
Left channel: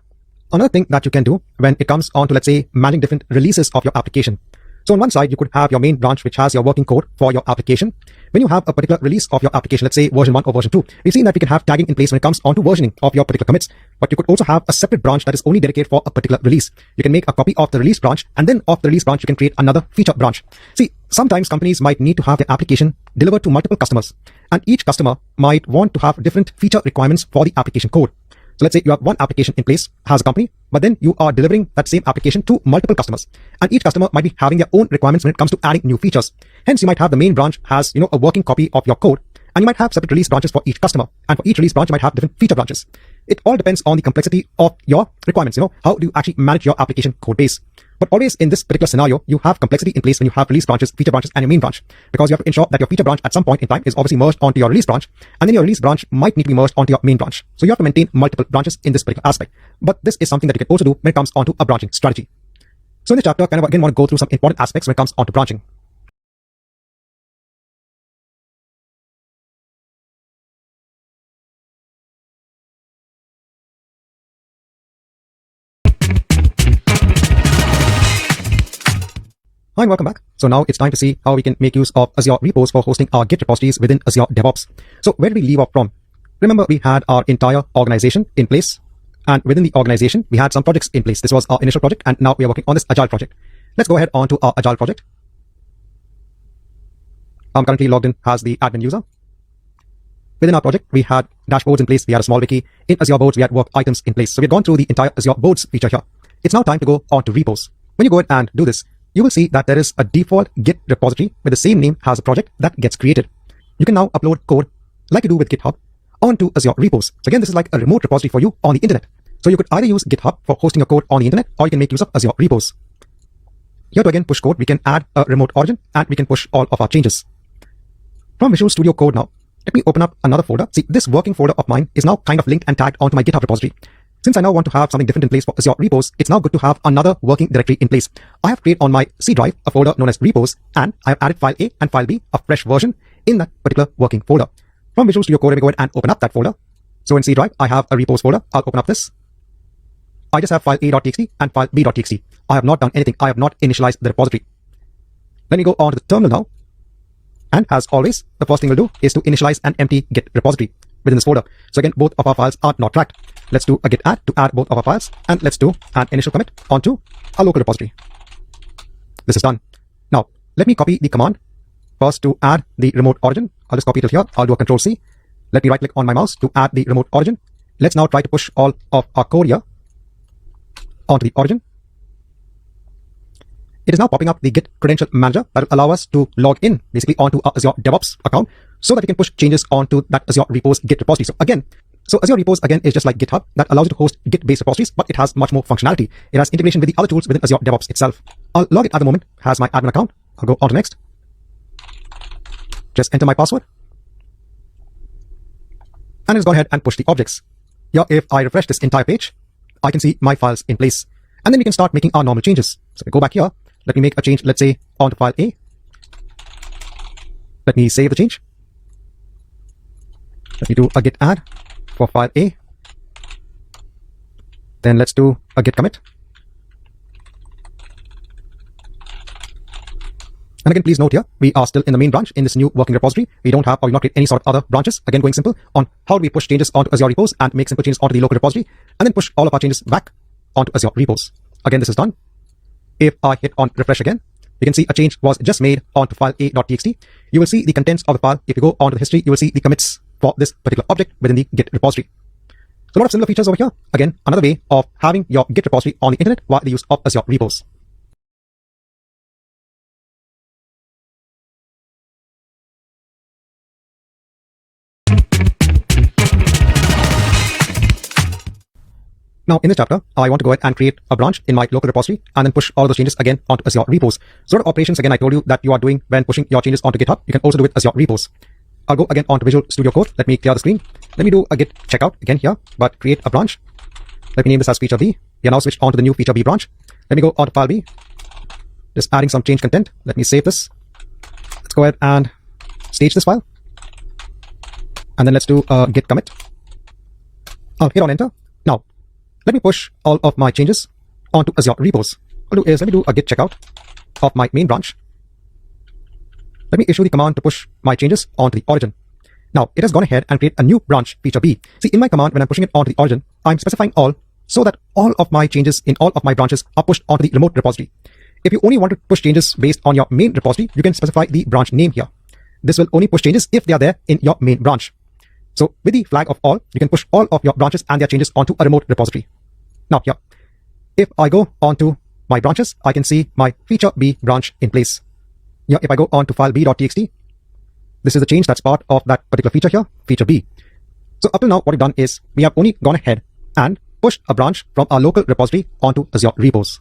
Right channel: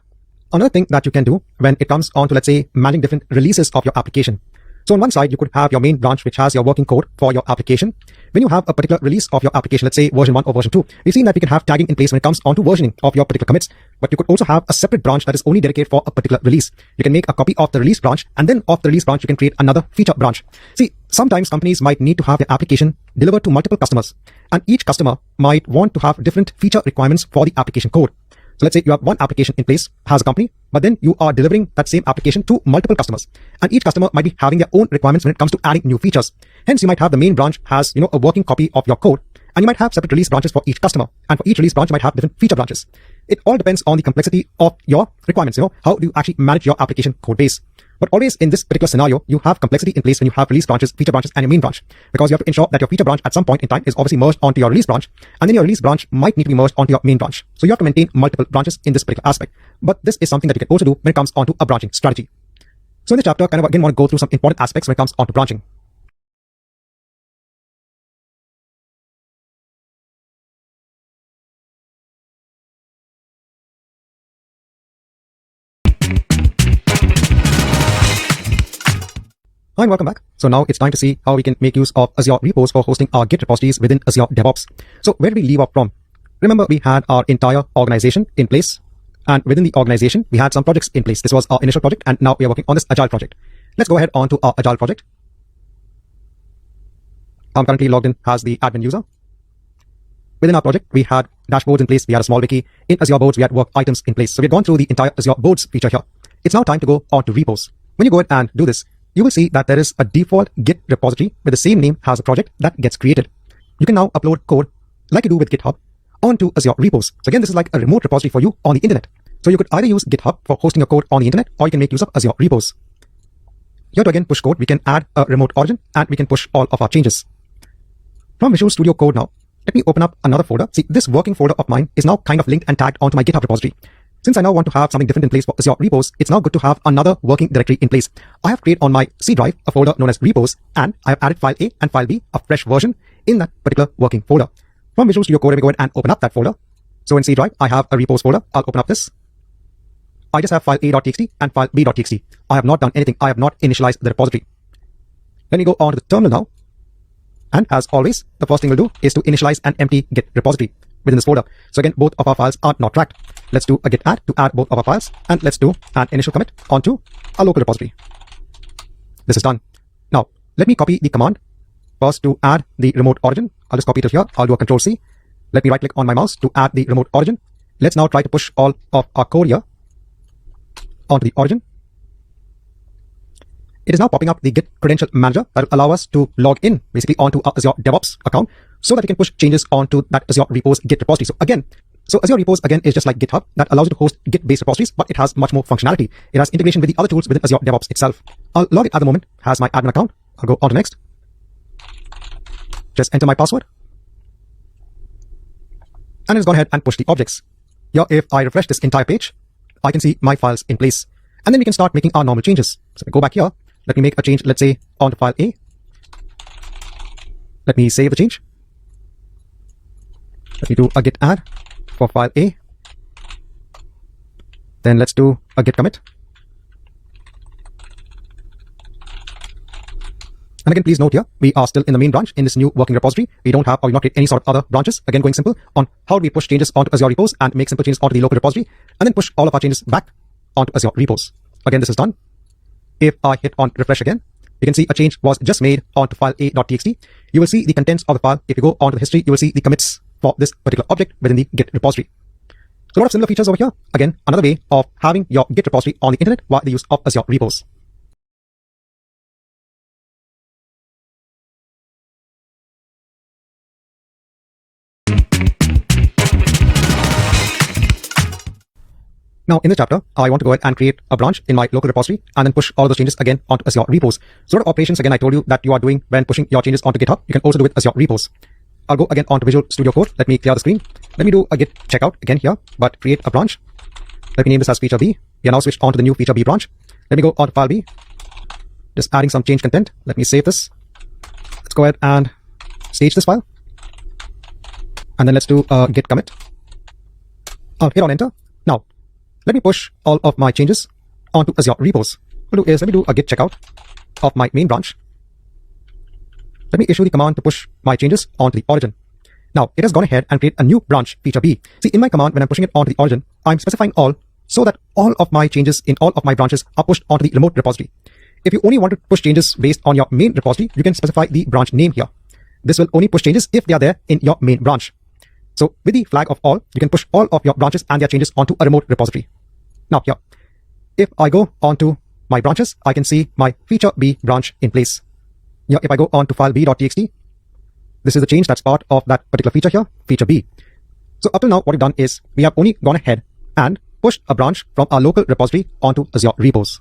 Another thing that you can do when it comes on to, let's say, managing different releases of your application. So on one side, you could have your main branch, which has your working code for your application. When you have a particular release of your application, let's say version 1 or version 2, we've seen that we can have tagging in place when it comes on to versioning of your particular commits. But you could also have a separate branch that is only dedicated for a particular release. You can make a copy of the release branch, and then of the release branch, you can create another feature branch. See, sometimes companies might need to have their application delivered to multiple customers, and each customer might want to have different feature requirements for the application code. So let's say you have one application in place as a company, but then you are delivering that same application to multiple customers, and each customer might be having their own requirements when it comes to adding new features. Hence, you might have the main branch has, a working copy of your code, And you might have separate release branches for each customer. And for each release branch, you might have different feature branches. It all depends on the complexity of your requirements. How do you actually manage your application code base? But always in this particular scenario, you have complexity in place when you have release branches, feature branches, and your main branch. Because you have to ensure that your feature branch at some point in time is obviously merged onto your release branch. And then your release branch might need to be merged onto your main branch. So you have to maintain multiple branches in this particular aspect. But this is something that you can also do when it comes onto a branching strategy. So in this chapter, I kind of again want to go through some important aspects when it comes onto branching. Hi and welcome back. So now it's time to see how we can make use of Azure repos for hosting our Git repositories within Azure DevOps. So where did we leave off from? Remember, we had our entire organization in place, and within the organization, we had some projects in place. This was our initial project, and now we are working on this Agile project. Let's go ahead on to our Agile project. I'm currently logged in as the admin user. Within our project, we had dashboards in place. We had a small wiki. In Azure Boards, we had work items in place. So we've gone through the entire Azure Boards feature here. It's now time to go on to repos. When you go ahead and do this, you will see that there is a default Git repository with the same name as a project that gets created. You can now upload code like you do with GitHub onto Azure repos. So again, this is like a remote repository for you on the internet. So you could either use GitHub for hosting your code on the internet, or you can make use of Azure repos. Here to again push code, we can add a remote origin and we can push all of our changes. From Visual Studio Code now, let me open up another folder. See, this working folder of mine is now kind of linked and tagged onto my GitHub repository. Since I now want to have something different in place for Azure repos, it's now good to have another working directory in place. I have created on my C drive a folder known as repos, and I have added file A and file B, a fresh version, in that particular working folder. From Visual Studio Code, let me go ahead and open up that folder. So in C drive, I have a repos folder. I'll open up this. I just have file A.txt and file B.txt. I have not done anything. I have not initialized the repository. Let me go on to the terminal now. And as always, the first thing we'll do is to initialize an empty Git repository within this folder. So again, both of our files are not tracked. Let's do a git add to add both of our files, and let's do an initial commit onto our local repository. This is done. Now, let me copy the command first to add the remote origin. I'll just copy it here. I'll do a Control C. Let me right click on my mouse to add the remote origin. Let's now try to push all of our code here onto the origin. It is now popping up the Git credential manager that will allow us to log in basically onto our Azure DevOps account so that we can push changes onto that Azure repos Git repository. So Azure repos again is just like GitHub that allows you to host Git-based repositories, but it has much more functionality. It has integration with the other tools within Azure DevOps itself. I'll log it at the moment as my admin account. I'll go on to next. Just enter my password. And let's go ahead and push the objects. Here, if I refresh this entire page, I can see my files in place. And then we can start making our normal changes. So we go back here. Let me make a change, let's say, onto file A. Let me save the change. Let me do a git add for file A. Then let's do a git commit. And again, please note here, we are still in the main branch in this new working repository. We don't have or not create any sort of other branches. Again, going simple on how do we push changes onto Azure repos and make simple changes onto the local repository, and then push all of our changes back onto Azure repos. Again, this is done. If I hit on refresh again, you can see a change was just made onto file A.txt. You will see the contents of the file. If you go onto the history, you will see the commits for this particular object within the Git repository. So a lot of similar features over here. Again, another way of having your Git repository on the internet via the use of Azure repos. Now, in this chapter, I want to go ahead and create a branch in my local repository and then push all those changes again onto Azure repos. Sort of operations, again, I told you that you are doing when pushing your changes onto GitHub. You can also do with Azure repos. I'll go again onto Visual Studio Code. Let me clear the screen. Let me do a git checkout again here, but create a branch. Let me name this as feature B. We are now switched onto the new feature B branch. Let me go onto file B. Just adding some change content. Let me save this. Let's go ahead and stage this file. And then let's do a git commit. I'll hit on enter. Now, let me push all of my changes onto Azure repos. What I'll do is let me do a git checkout of my main branch. Let me issue the command to push my changes onto the origin. Now, it has gone ahead and created a new branch, feature B. See, in my command, when I'm pushing it onto the origin, I'm specifying all so that all of my changes in all of my branches are pushed onto the remote repository. If you only want to push changes based on your main repository, you can specify the branch name here. This will only push changes if they are there in your main branch. So with the flag of all, you can push all of your branches and their changes onto a remote repository. Now here, if I go onto my branches, I can see my feature B branch in place. Here, if I go on to file B.txt, This is the change that's part of that particular feature here, feature B. So up till now, what we've done is we have only gone ahead and pushed a branch from our local repository onto Azure repos.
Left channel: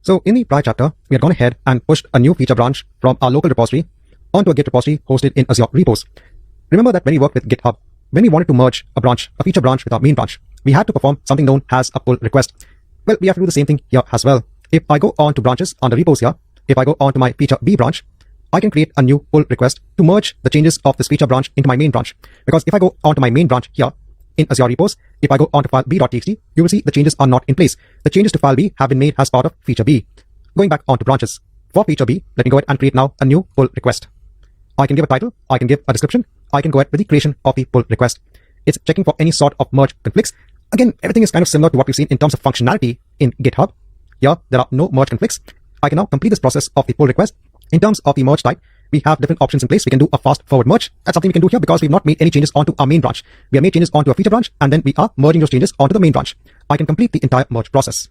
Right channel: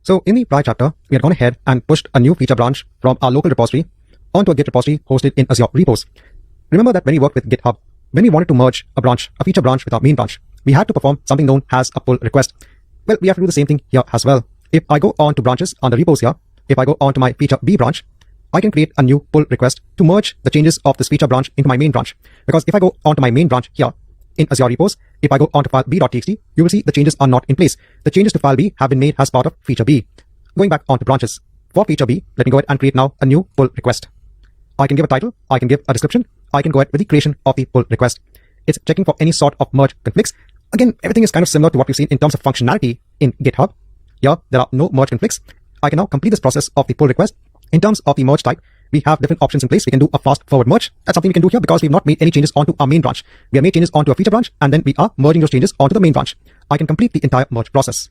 So in the prior chapter, we had gone ahead and pushed a new feature branch from our local repository onto a Git repository hosted in Azure repos. Remember that when we worked with GitHub, when we wanted to merge a feature branch with our main branch, we had to perform something known as a pull request. Well, we have to do the same thing here as well. If I go on to branches under repos here, if I go on to my feature B branch, I can create a new pull request to merge the changes of this feature branch into my main branch. Because if I go on to my main branch here in Azure repos, if I go on to file b.txt, you will see the changes are not in place. The changes to file B have been made as part of feature B. Going back onto branches. For feature B, let me go ahead and create now a new pull request. I can give a title, I can give a description, I can go ahead with the creation of the pull request. It's checking for any sort of merge conflicts. Again, everything is kind of similar to what we've seen in terms of functionality in GitHub. Here, there are no merge conflicts. I can now complete this process of the pull request. In terms of the merge type, we have different options in place. We can do a fast forward merge. That's something we can do here because we've not made any changes onto our main branch. We have made changes onto a feature branch, and then we are merging those changes onto the main branch. I can complete the entire merge process.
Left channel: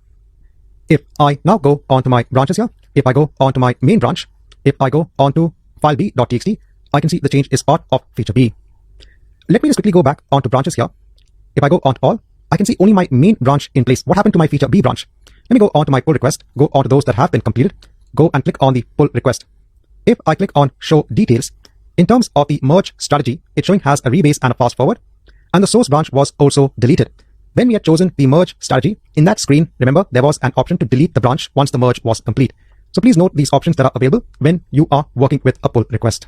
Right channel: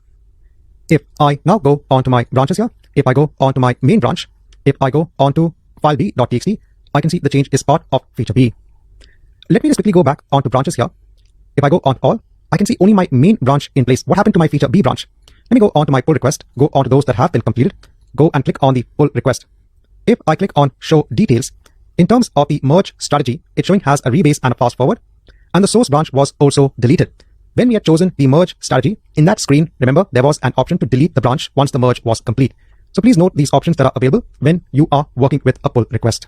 If I now go onto my branches here, if I go onto my main branch, if I go onto file b.txt, I can see the change is part of feature B. Let me just quickly go back onto branches here. If I go onto all, I can see only my main branch in place. What happened to my feature B branch? Let me go onto my pull request, go onto those that have been completed, go and click on the pull request. If I click on show details, in terms of the merge strategy, it's showing has a rebase and a fast forward, and the source branch was also deleted. When we had chosen the merge strategy, in that screen, remember, there was an option to delete the branch once the merge was complete. So please note these options that are available when you are working with a pull request.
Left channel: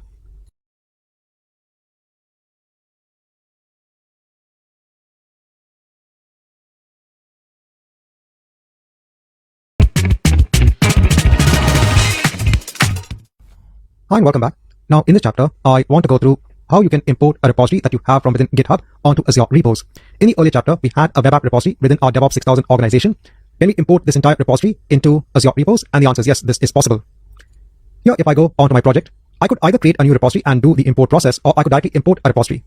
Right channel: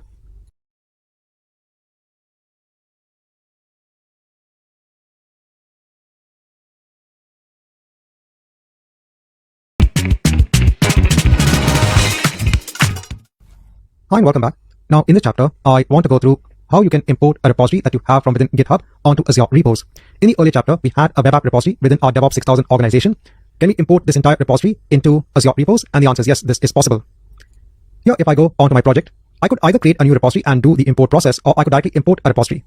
Hi and welcome back. Now in this chapter, I want to go through how you can import a repository that you have from within GitHub onto Azure repos. In the earlier chapter, we had a web app repository within our DevOps 6000 organization. Can we import this entire repository into Azure repos? And the answer is yes, this is possible. Here, if I go onto my project, I could either create a new repository and do the import process, or I could directly import a repository.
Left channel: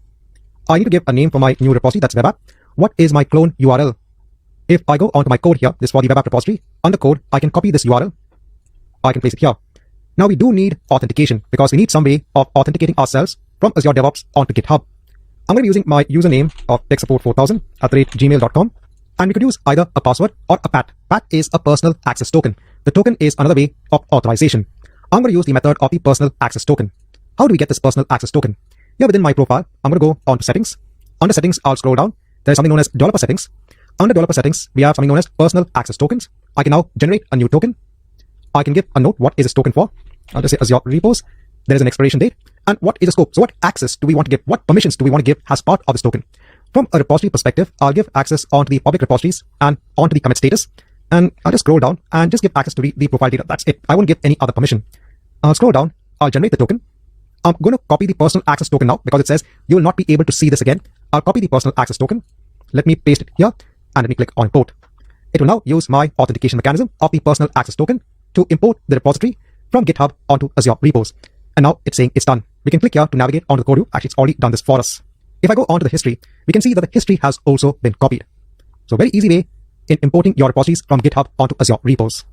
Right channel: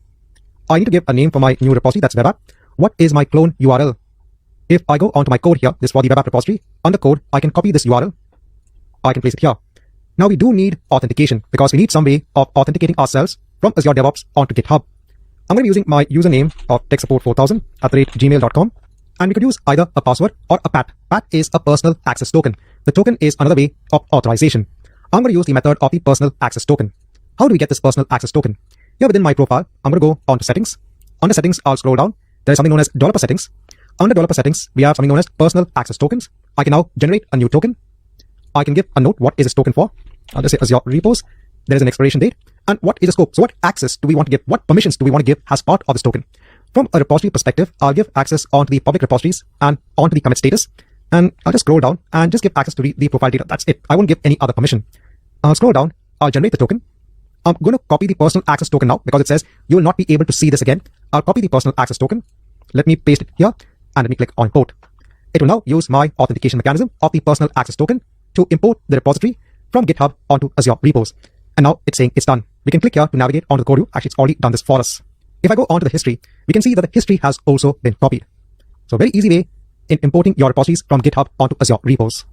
I need to give a name for my new repository, that's web app. What is my clone URL? If I go onto my code here, this is for the web app repository. Under code, I can copy this URL. I can paste it here. Now we do need authentication because we need some way of authenticating ourselves from Azure DevOps onto GitHub. I'm going to be using my username of techsupport4000@gmail.com, and we could use either a password or a PAT. PAT is a personal access token. The token is another way of authorization. I'm going to use the method of the personal access token. How do we get this personal access token? Here within my profile, I'm going to go on to settings. Under settings, I'll scroll down. There is something known as developer settings. Under developer settings, we have something known as personal access tokens. I can now generate a new token. I can give a note, what is this token for? I'll just say Azure repos. There's an expiration date. And what is the scope? So what access do we want to give? What permissions do we want to give as part of this token? From a repository perspective, I'll give access onto the public repositories and onto the commit status. And I'll just scroll down and just give access to the profile data. That's it. I won't give any other permission. I'll scroll down. I'll generate the token. I'm going to copy the personal access token now because it says you will not be able to see this again. I'll copy the personal access token. Let me paste it here and let me click on import. It will now use my authentication mechanism of the personal access token to import the repository from GitHub onto Azure repos. And now it's saying it's done. We can click here to navigate onto the code view. Actually, it's already done this for us. If I go onto the history, we can see that the history has also been copied. So a very easy way in importing your repositories from GitHub onto Azure repos.